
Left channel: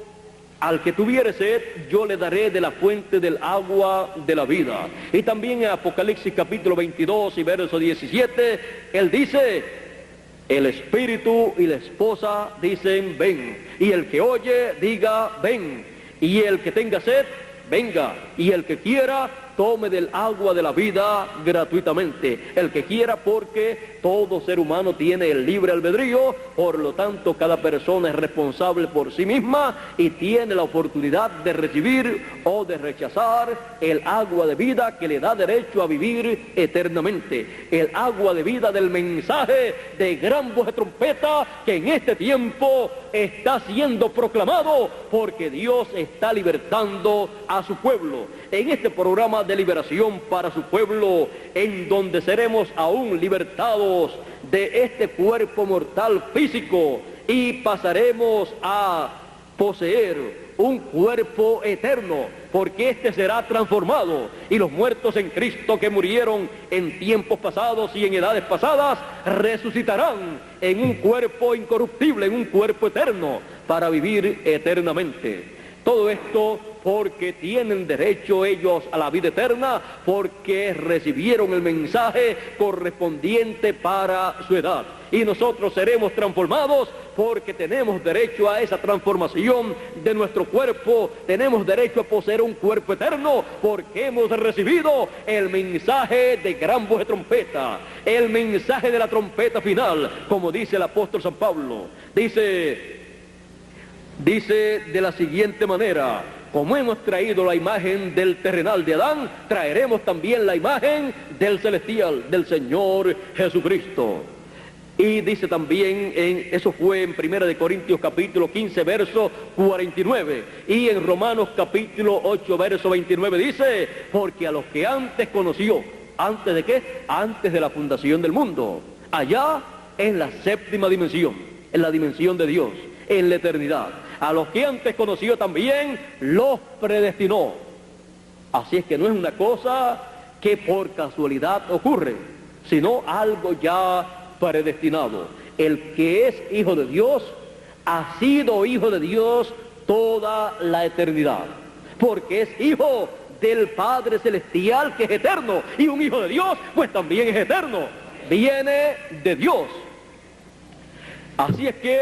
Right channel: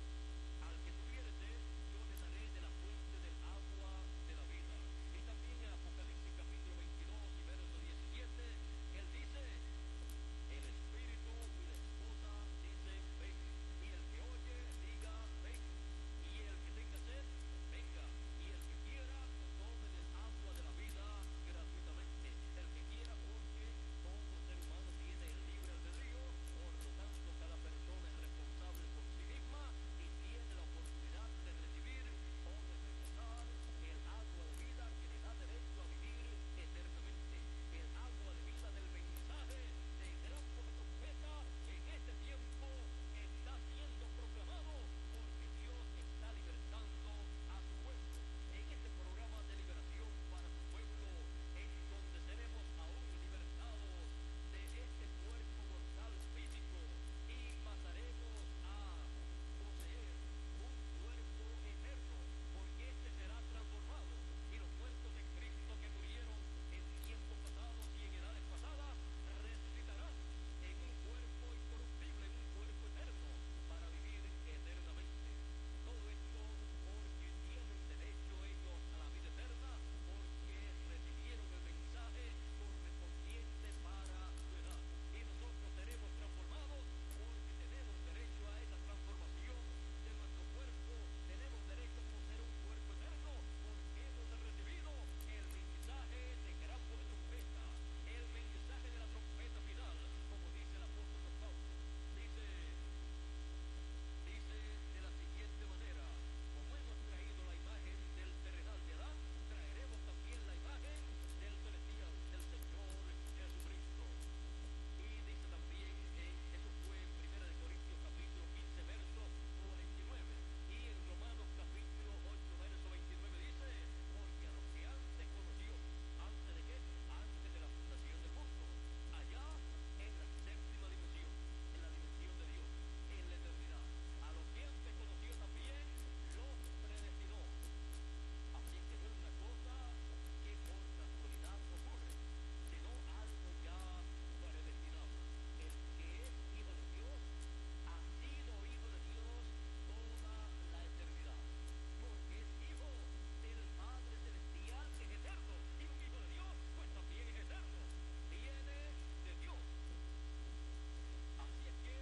al que tuviere sed, yo le daré de la fuente del agua de la vida. Y también en Apocalipsis capítulo 22 y verso 17, Él dice: el espíritu y la esposa dicen ven, y el que oye diga ven, y el que tenga sed, venga, y el que quiera, tome del agua de la vida gratuitamente. El que quiera, porque todo ser humano tiene el libre albedrío, por lo tanto cada persona es responsable por sí misma y tiene la oportunidad de recibir o de rechazar el agua de vida que le da derecho a vivir eternamente. El agua de vida del mensaje de gran voz de trompeta que en este tiempo está siendo proclamado, porque Dios está libertando a su pueblo. En este programa de liberación para su pueblo, en donde seremos aún libertados de este cuerpo mortal físico y pasaremos a poseer un cuerpo eterno, porque este será transformado, y los muertos en Cristo que murieron en tiempos pasados y en edades pasadas resucitarán en un cuerpo incorruptible, en un cuerpo eterno, para vivir eternamente. Todo esto porque tienen derecho ellos a la vida eterna, porque recibieron el mensaje correspondiente para su edad. Y nosotros seremos transformados porque tenemos derecho a esa transformación de nuestro cuerpo. Tenemos derecho a poseer un cuerpo eterno porque hemos recibido el mensaje de gran voz de trompeta, el mensaje de la trompeta final, como dice el apóstol San Pablo. Dice de la siguiente manera: como hemos traído la imagen del terrenal de Adán, traeremos también la imagen del celestial, del Señor Jesucristo. Y dice también, eso fue en 1 Corintios capítulo 15, verso 49. Y en Romanos capítulo 8, verso 29 dice, porque a los que antes conoció, ¿antes de qué? Antes de la fundación del mundo. Allá en la séptima dimensión, en la dimensión de Dios, en la eternidad. A los que antes conoció también los predestinó. Así es que no es una cosa que por casualidad ocurre, sino algo ya predestinado. El que es hijo de Dios ha sido hijo de Dios toda la eternidad, porque es hijo del Padre Celestial, que es eterno, y un hijo de Dios pues también es eterno, viene de Dios. Así es que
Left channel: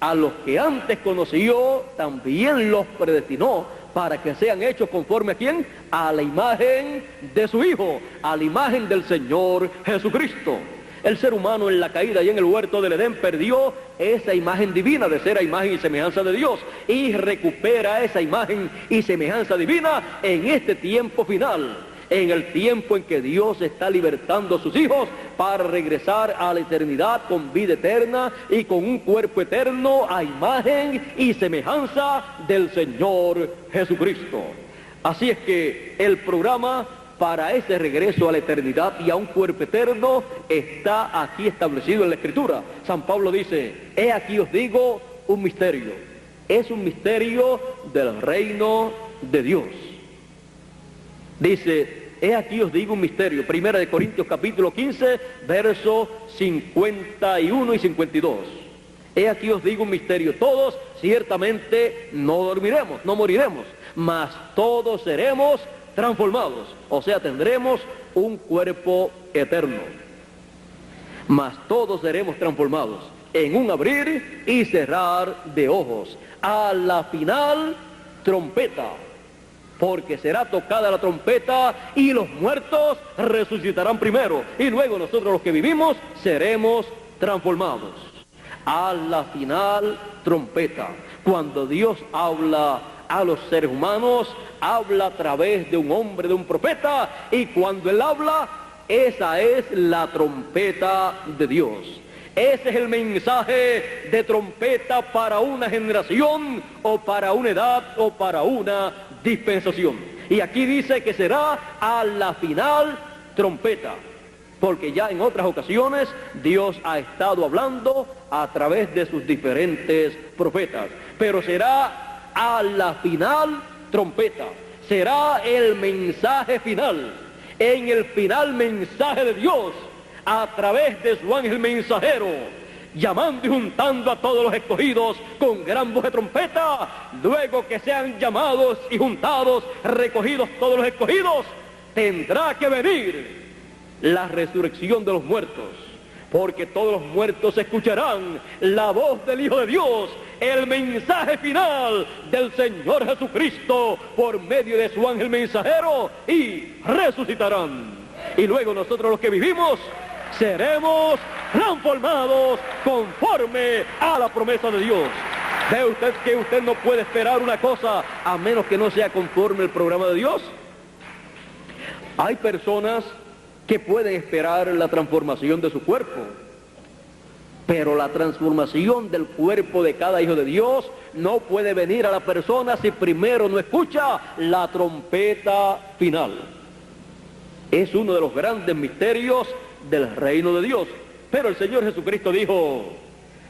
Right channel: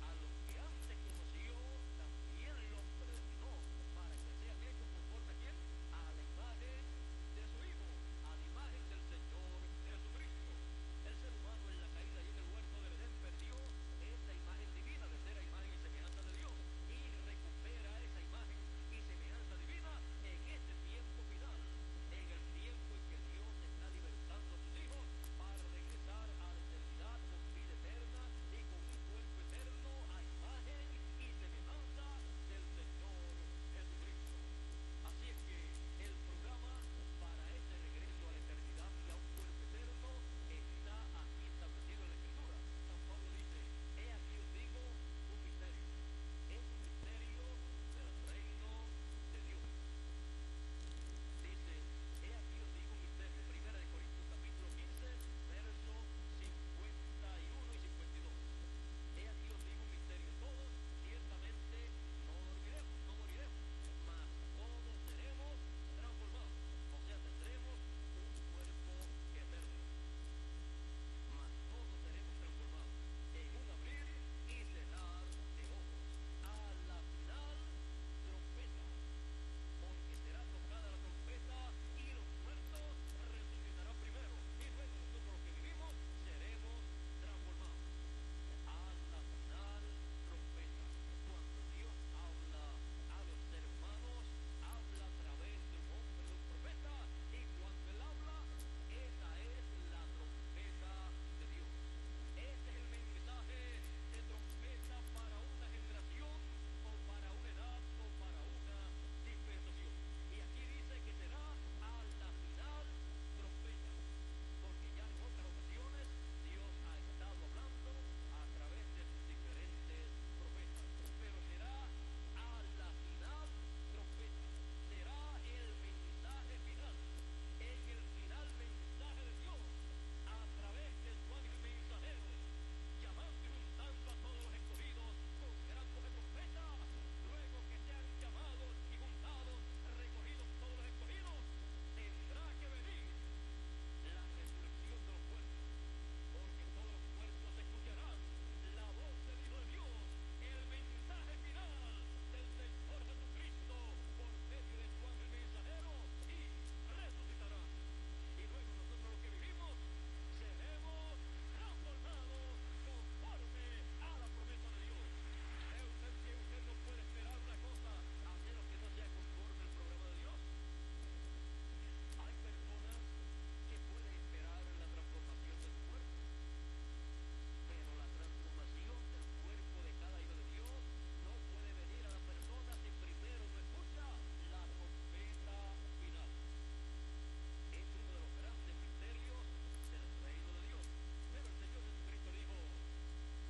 a los que antes conoció también los predestinó para que sean hechos conforme a ¿quién? A la imagen de su Hijo, a la imagen del Señor Jesucristo. El ser humano en la caída y en el huerto del Edén perdió esa imagen divina de ser a imagen y semejanza de Dios, y recupera esa imagen y semejanza divina en este tiempo final, en el tiempo en que Dios está libertando a sus hijos para regresar a la eternidad con vida eterna y con un cuerpo eterno a imagen y semejanza del Señor Jesucristo. Así es que el programa para ese regreso a la eternidad y a un cuerpo eterno está aquí establecido en la Escritura. San Pablo dice, he aquí os digo un misterio. Es un misterio del reino de Dios. Dice, he aquí os digo un misterio. 1 Corintios capítulo 15, versos 51 y 52. He aquí os digo un misterio. Todos ciertamente no dormiremos, no moriremos, mas todos seremos transformados. O sea, tendremos un cuerpo eterno. Mas todos seremos transformados en un abrir y cerrar de ojos. A la final, trompeta. Porque será tocada la trompeta y los muertos resucitarán primero. Y luego nosotros los que vivimos seremos transformados. A la final, trompeta. Cuando Dios habla a los seres humanos, habla a través de un hombre, de un profeta. Y cuando Él habla, esa es la trompeta de Dios. Ese es el mensaje de trompeta para una generación, o para una edad, o para una dispensación. Y aquí dice que será a la final trompeta, porque ya en otras ocasiones Dios ha estado hablando a través de sus diferentes profetas, pero será a la final trompeta, será el mensaje final, en el final mensaje de Dios a través de su ángel mensajero, llamando y juntando a todos los escogidos con gran voz de trompeta. Luego que sean llamados y juntados, recogidos todos los escogidos, tendrá que venir la resurrección de los muertos, porque todos los muertos escucharán la voz del Hijo de Dios, el mensaje final del Señor Jesucristo por medio de su ángel mensajero, y resucitarán. Y luego nosotros los que vivimos seremos transformados conforme a la promesa de Dios. ¿Ve usted que usted no puede esperar una cosa a menos que no sea conforme al programa de Dios? Hay personas que pueden esperar la transformación de su cuerpo, pero la transformación del cuerpo de cada hijo de Dios no puede venir a la persona si primero no escucha la trompeta final. Es uno de los grandes misterios del reino de Dios. Pero el Señor Jesucristo dijo,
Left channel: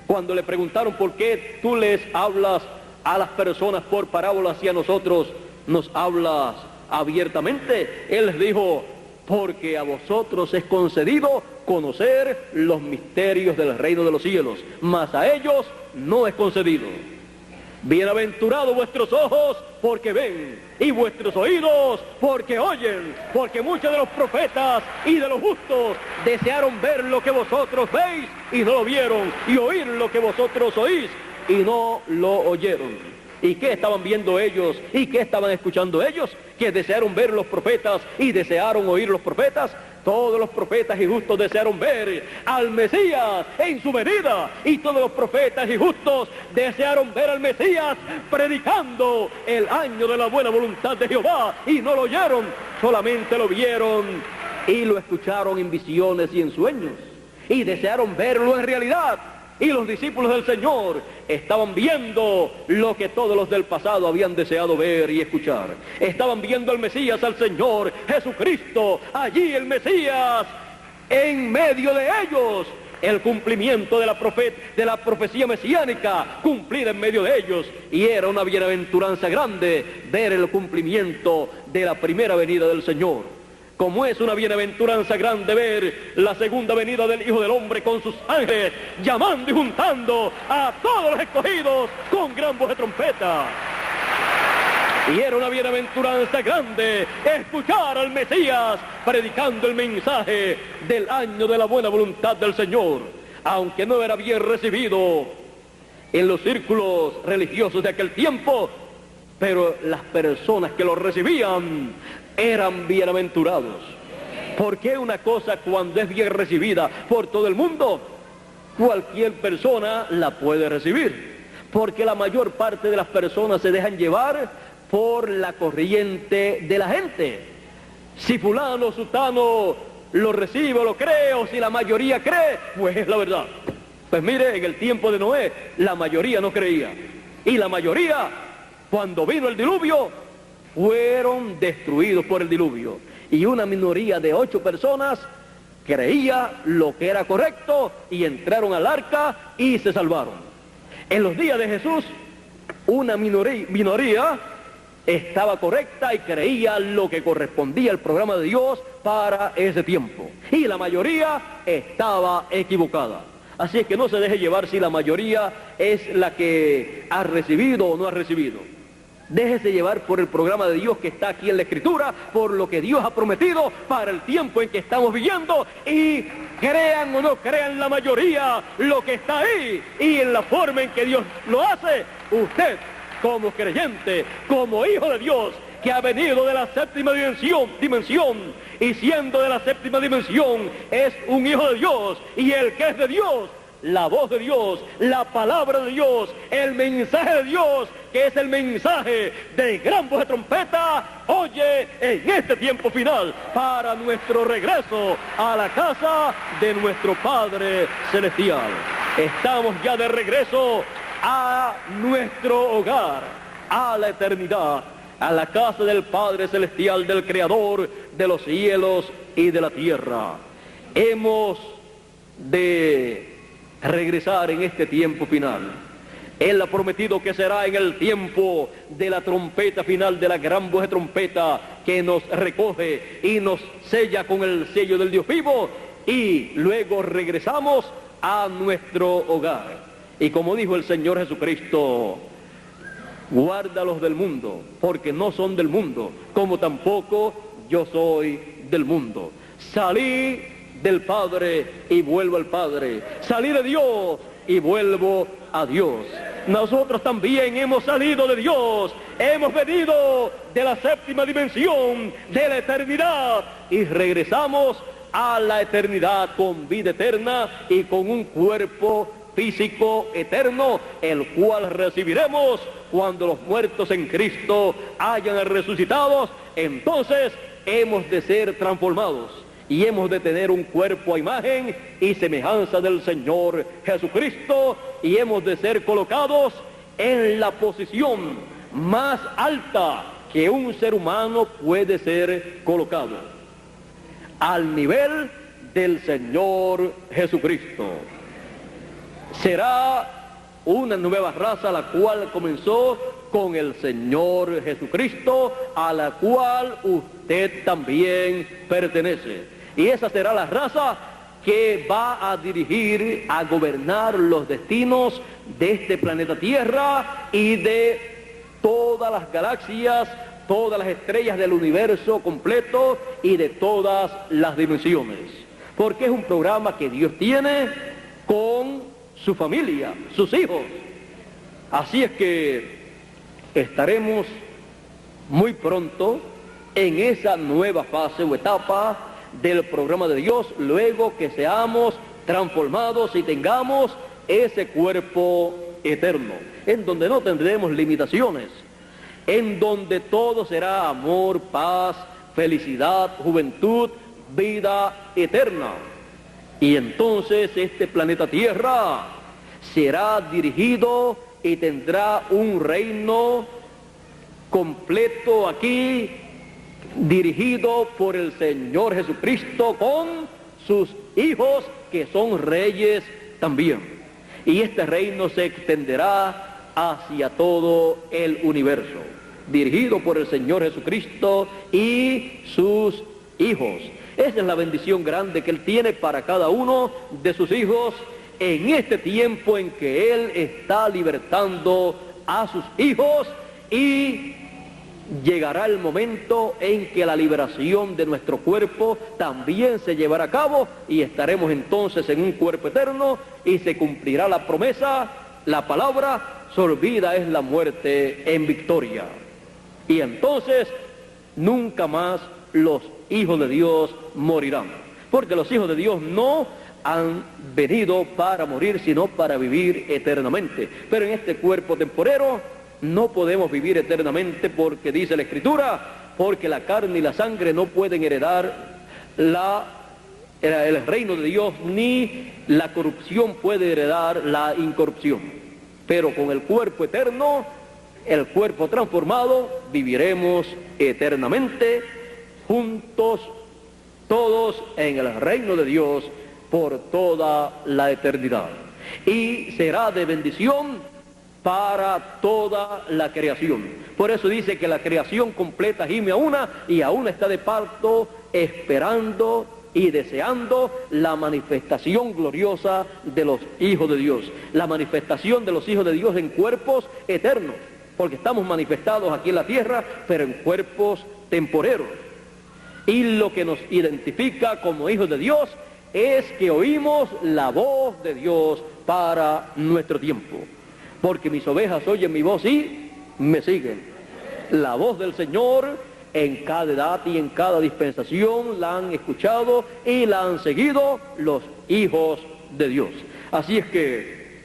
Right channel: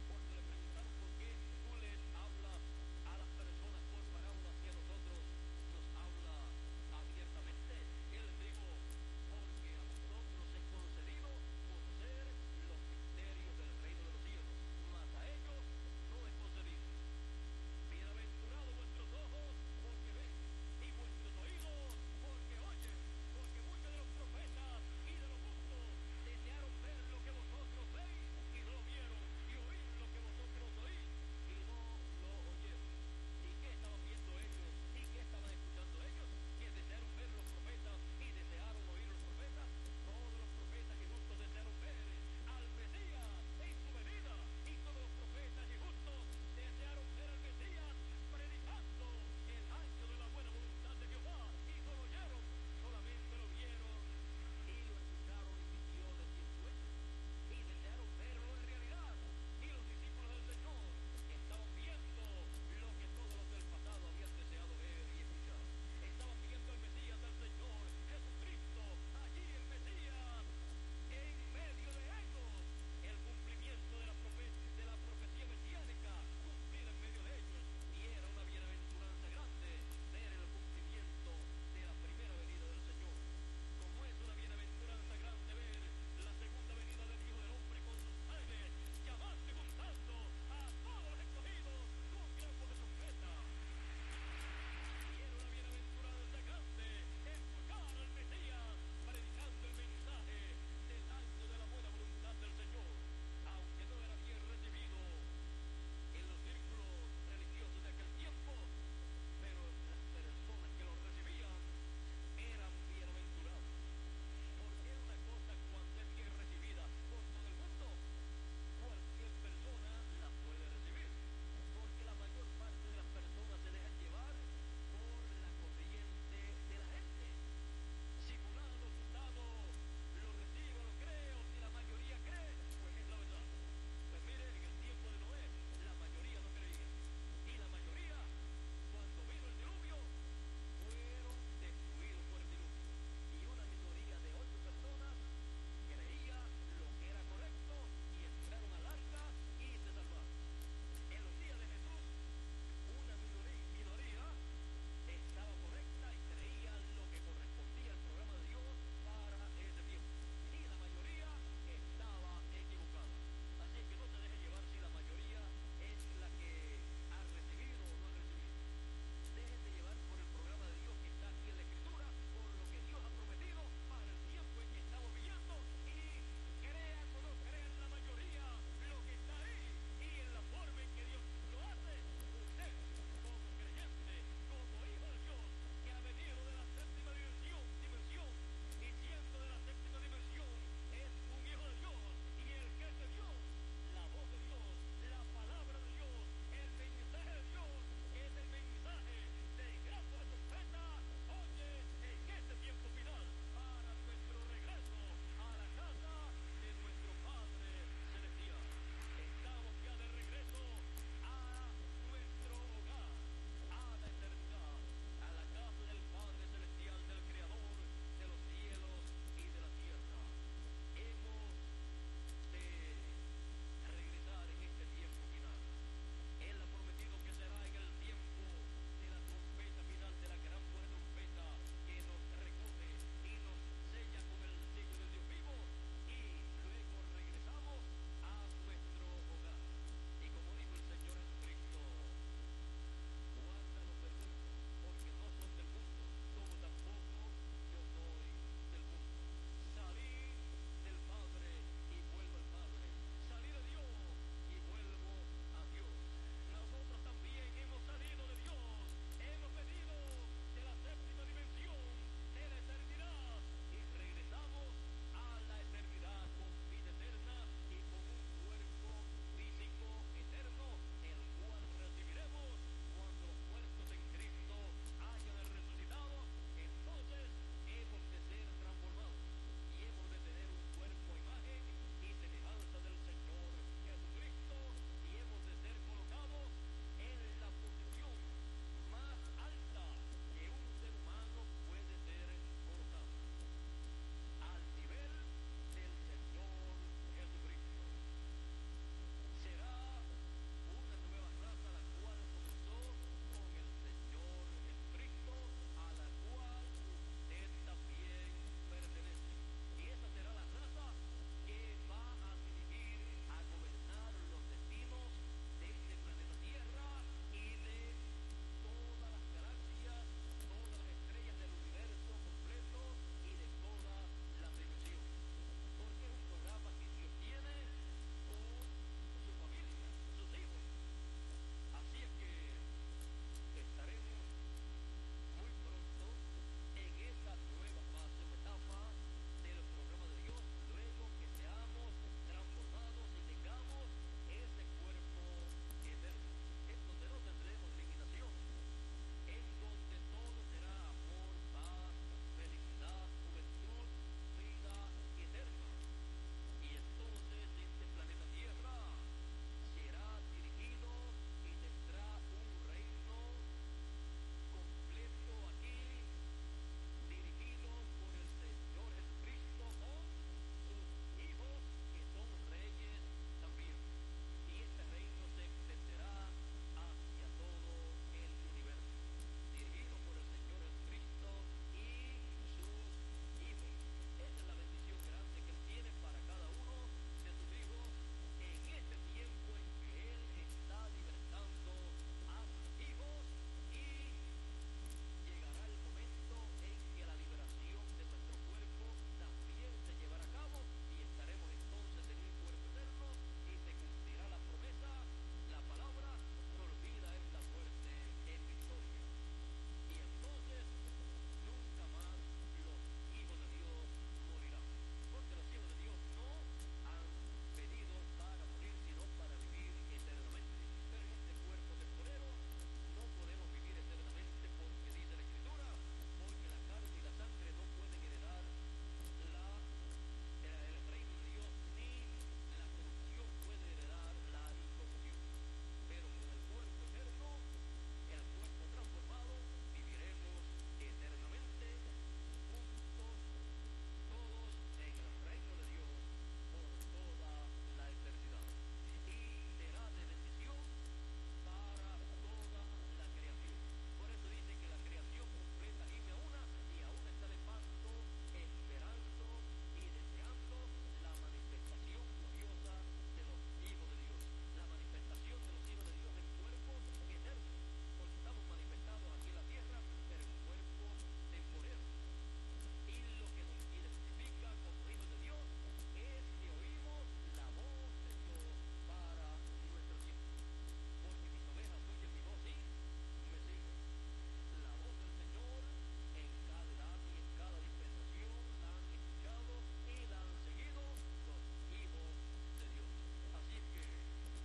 cuando le preguntaron por qué tú les hablas a las personas por parábolas y a nosotros nos hablas abiertamente, Él les dijo, porque a vosotros es concedido conocer los misterios del reino de los cielos, mas a ellos no es concedido. Bienaventurados vuestros ojos porque ven, y vuestros oídos porque oyen, porque muchos de los profetas y de los justos desearon ver lo que vosotros veis y no lo vieron, y oír lo que vosotros oís y no lo oyeron. ¿Y qué estaban viendo ellos? ¿Y qué estaban escuchando ellos? Que desearon ver los profetas y desearon oír los profetas. Todos los profetas y justos desearon ver al Mesías en su venida. Y todos los profetas y justos desearon ver al Mesías predicando el año de la buena voluntad de Jehová. Y no lo oyeron, solamente lo vieron y lo escucharon en visiones y en sueños. Y desearon verlo en realidad. Y los discípulos del Señor estaban viendo lo que todos los del pasado habían deseado ver y escuchar. Estaban viendo al Mesías, al Señor Jesucristo, allí el Mesías, en medio de ellos. El cumplimiento de la profecía mesiánica cumplida en medio de ellos. Y era una bienaventuranza grande ver el cumplimiento de la primera venida del Señor. Como es una bienaventuranza grande ver la segunda venida del Hijo del Hombre con sus ángeles, llamando y juntando a todos los escogidos con gran voz de trompeta. Y era una bienaventuranza grande escuchar al Mesías predicando el mensaje del año de la buena voluntad del Señor, aunque no era bien recibido en los círculos religiosos de aquel tiempo, pero las personas que lo recibían eran bienaventurados. Porque una cosa, cuando es bien recibida por todo el mundo, cualquier persona la puede recibir, porque la mayor parte de las personas se dejan llevar por la corriente de la gente. Si fulano, sutano lo recibe o lo cree, o si la mayoría cree, pues es la verdad. Pues mire, en el tiempo de Noé la mayoría no creía, y la mayoría, cuando vino el diluvio, fueron destruidos por el diluvio. Y una minoría de 8 personas creía lo que era correcto y entraron al arca y se salvaron. En los días de Jesús, una minoría estaba correcta y creía lo que correspondía al programa de Dios para ese tiempo. Y la mayoría estaba equivocada. Así es que no se deje llevar si la mayoría es la que ha recibido o no ha recibido. Déjese llevar por el programa de Dios que está aquí en la Escritura, por lo que Dios ha prometido para el tiempo en que estamos viviendo, y crean o no crean la mayoría lo que está ahí y en la forma en que Dios lo hace. Usted, como creyente, como hijo de Dios, que ha venido de la séptima dimensión, y siendo de la séptima dimensión, es un hijo de Dios, y el que es de Dios, la voz de Dios, la palabra de Dios, el mensaje de Dios, que es el mensaje de gran voz de trompeta, oye en este tiempo final, para nuestro regreso a la casa de nuestro Padre Celestial. Estamos ya de regreso a nuestro hogar, a la eternidad, a la casa del Padre Celestial, del Creador de los cielos y de la tierra. Hemos de regresar en este tiempo final. Él ha prometido que será en el tiempo de la trompeta final, de la gran voz de trompeta que nos recoge y nos sella con el sello del Dios vivo, y luego regresamos a nuestro hogar. Y como dijo el Señor Jesucristo, guárdalos del mundo, porque no son del mundo, como tampoco yo soy del mundo. Salí del Padre y vuelvo al Padre. Salí de Dios y vuelvo a Dios. Nosotros también hemos salido de Dios, hemos venido de la séptima dimensión, de la eternidad, y regresamos a la eternidad con vida eterna y con un cuerpo físico eterno, el cual recibiremos cuando los muertos en Cristo hayan resucitado. Entonces hemos de ser transformados y hemos de tener un cuerpo a imagen y semejanza del Señor Jesucristo, y hemos de ser colocados en la posición más alta que un ser humano puede ser colocado, al nivel del Señor Jesucristo. Será una nueva raza la cual comenzó con el Señor Jesucristo, a la cual usted también pertenece. Y esa será la raza que va a dirigir, a gobernar los destinos de este planeta Tierra y de todas las galaxias, todas las estrellas del universo completo y de todas las dimensiones. Porque es un programa que Dios tiene con su familia, sus hijos. Así es que estaremos muy pronto en esa nueva fase o etapa del programa de Dios, luego que seamos transformados y tengamos ese cuerpo eterno, en donde no tendremos limitaciones, en donde todo será amor, paz, felicidad, juventud, vida eterna. Y entonces este planeta Tierra será dirigido y tendrá un reino completo aquí, dirigido por el Señor Jesucristo con sus hijos que son reyes también. Y este reino se extenderá hacia todo el universo, dirigido por el Señor Jesucristo y sus hijos. Esa es la bendición grande que Él tiene para cada uno de sus hijos en este tiempo en que Él está libertando a sus hijos, y llegará el momento en que la liberación de nuestro cuerpo también se llevará a cabo y estaremos entonces en un cuerpo eterno y se cumplirá la promesa, la palabra: sorbida es la muerte en victoria. Y entonces nunca más los hijos de Dios morirán, porque los hijos de Dios no han venido para morir, sino para vivir eternamente. Pero en este cuerpo temporero no podemos vivir eternamente, porque dice la Escritura: porque la carne y la sangre no pueden heredar el reino de Dios, ni la corrupción puede heredar la incorrupción. Pero con el cuerpo eterno, el cuerpo transformado, viviremos eternamente juntos, todos en el reino de Dios por toda la eternidad. Y será de bendición para toda la creación. Por eso dice que la creación completa gime a una, y aún está de parto, esperando y deseando la manifestación gloriosa de los hijos de Dios, la manifestación de los hijos de Dios en cuerpos eternos, porque estamos manifestados aquí en la tierra, pero en cuerpos temporeros. Y lo que nos identifica como hijos de Dios es que oímos la voz de Dios para nuestro tiempo. Porque mis ovejas oyen mi voz y me siguen. La voz del Señor en cada edad y en cada dispensación la han escuchado y la han seguido los hijos de Dios. Así es que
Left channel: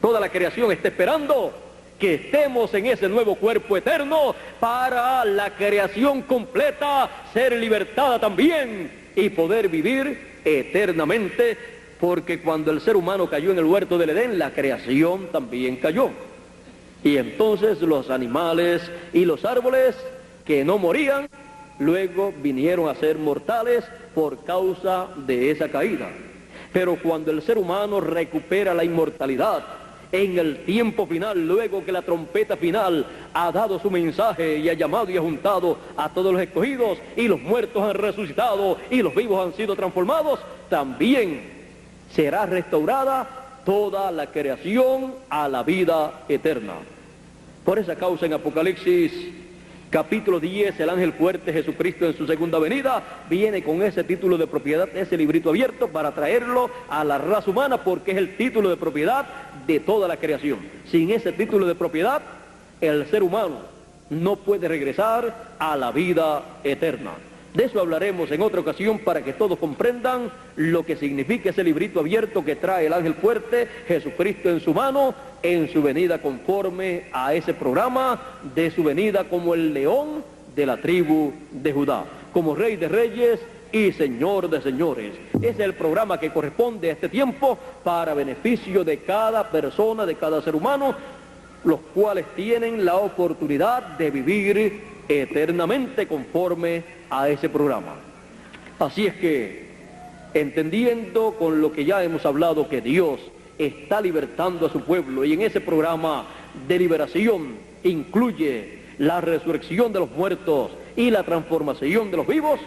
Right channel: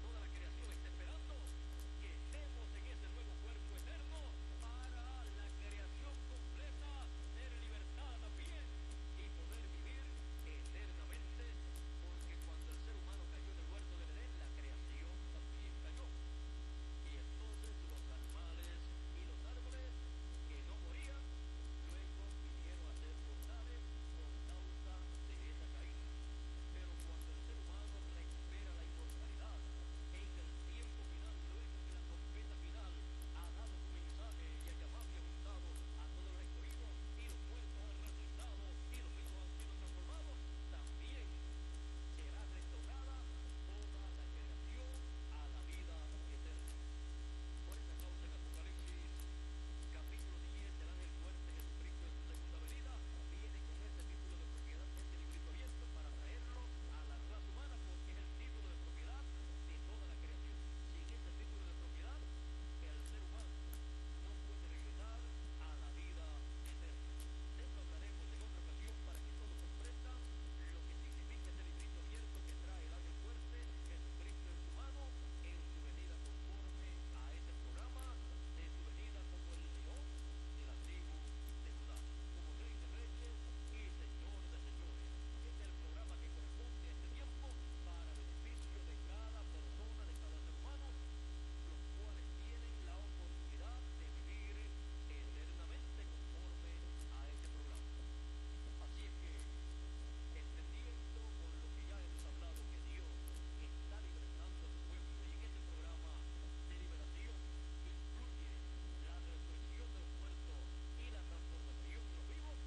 toda la creación está esperando que estemos en ese nuevo cuerpo eterno, para la creación completa ser libertada también y poder vivir eternamente. Porque cuando el ser humano cayó en el huerto del Edén, la creación también cayó. Y entonces los animales y los árboles que no morían, luego vinieron a ser mortales por causa de esa caída. Pero cuando el ser humano recupera la inmortalidad en el tiempo final, luego que la trompeta final ha dado su mensaje y ha llamado y ha juntado a todos los escogidos, y los muertos han resucitado y los vivos han sido transformados, también será restaurada toda la creación a la vida eterna. Por esa causa en Apocalipsis capítulo 10, el ángel fuerte, Jesucristo en su segunda venida, viene con ese título de propiedad, ese librito abierto, para traerlo a la raza humana, porque es el título de propiedad de toda la creación. Sin ese título de propiedad, el ser humano no puede regresar a la vida eterna. De eso hablaremos en otra ocasión, para que todos comprendan lo que significa ese librito abierto que trae el ángel fuerte, Jesucristo en su mano, en su venida conforme a ese programa de su venida como el león de la tribu de Judá, como Rey de Reyes y Señor de Señores. Ese es el programa que corresponde a este tiempo, para beneficio de cada persona, de cada ser humano, los cuales tienen la oportunidad de vivir eternamente conforme a ese programa. Así es que, entendiendo con lo que ya hemos hablado, que Dios está libertando a su pueblo, y en ese programa de liberación incluye la resurrección de los muertos y la transformación de los vivos,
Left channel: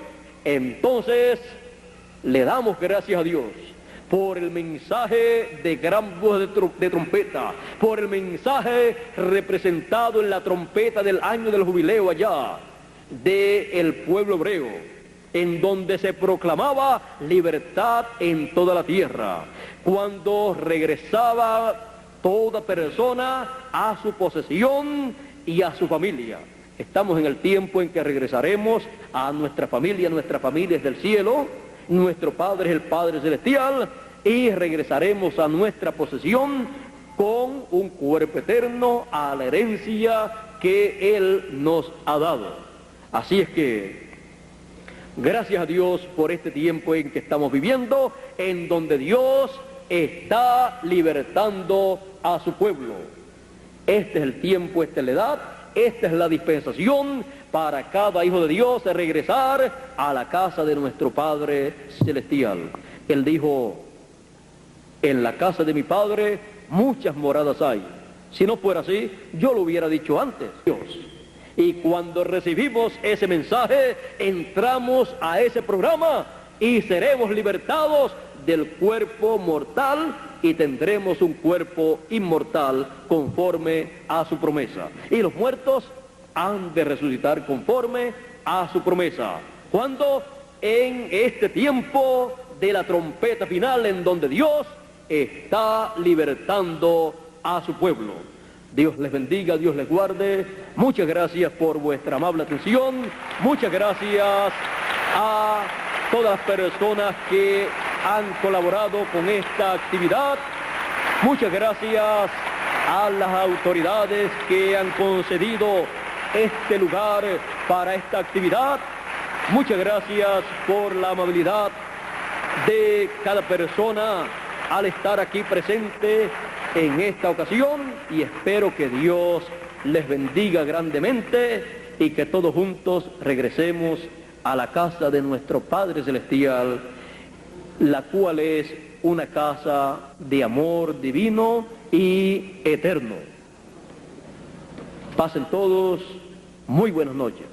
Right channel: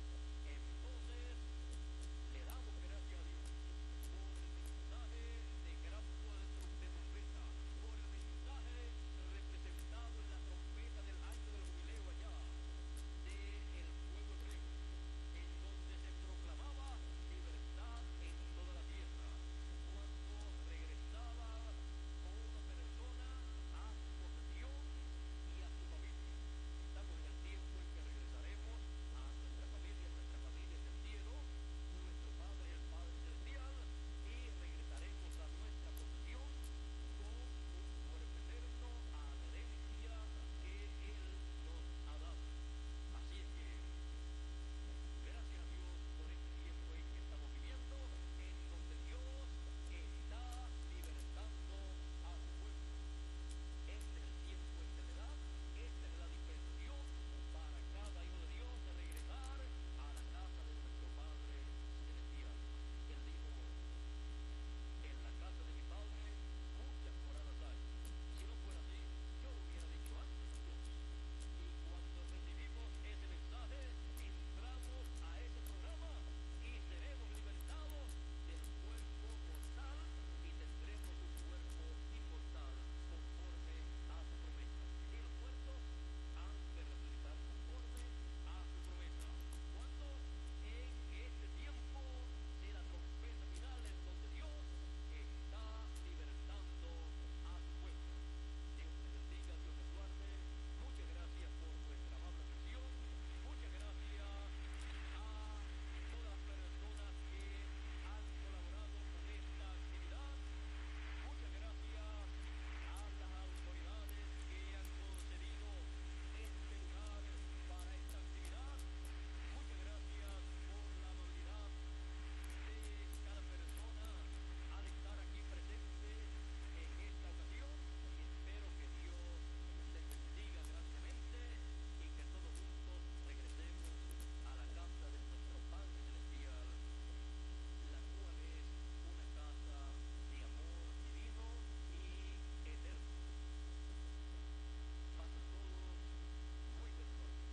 entonces le damos gracias a Dios por el mensaje de gran voz de trompeta, por el mensaje representado en la trompeta del año del jubileo allá del pueblo hebreo, en donde se proclamaba libertad en toda la tierra, cuando regresaba toda persona a su posesión y a su familia. Estamos en el tiempo en que regresaremos a nuestra familia es del cielo, nuestro Padre es el Padre Celestial, y regresaremos a nuestra posesión con un cuerpo eterno, a la herencia que Él nos ha dado. Así es que, gracias a Dios por este tiempo en que estamos viviendo, en donde Dios está libertando a su pueblo. Este es el tiempo, esta es la edad, esta es la dispensación para cada hijo de Dios de regresar a la casa de nuestro Padre Celestial. Él dijo, en la casa de mi Padre muchas moradas hay. Si no fuera así, yo lo hubiera dicho antes, Dios. Y cuando recibimos ese mensaje, entramos a ese programa y seremos libertados del cuerpo mortal y tendremos un cuerpo inmortal conforme a su promesa. Y los muertos han de resucitar conforme a su promesa. ¿Cuándo? En este tiempo de la trompeta final, en donde Dios está libertando a su pueblo. Dios les bendiga, Dios les guarde. Muchas gracias por vuestra amable atención. Muchas gracias a todas las personas que han colaborado con esta actividad. Muchas gracias a las autoridades que han concedido este lugar para esta actividad. Muchas gracias por la amabilidad de cada persona al estar aquí presente en esta ocasión, y espero que Dios les bendiga grandemente y que todos juntos regresemos a la casa de nuestro Padre Celestial, la cual es una casa de amor divino y eterno. Pasen todos muy buenas noches.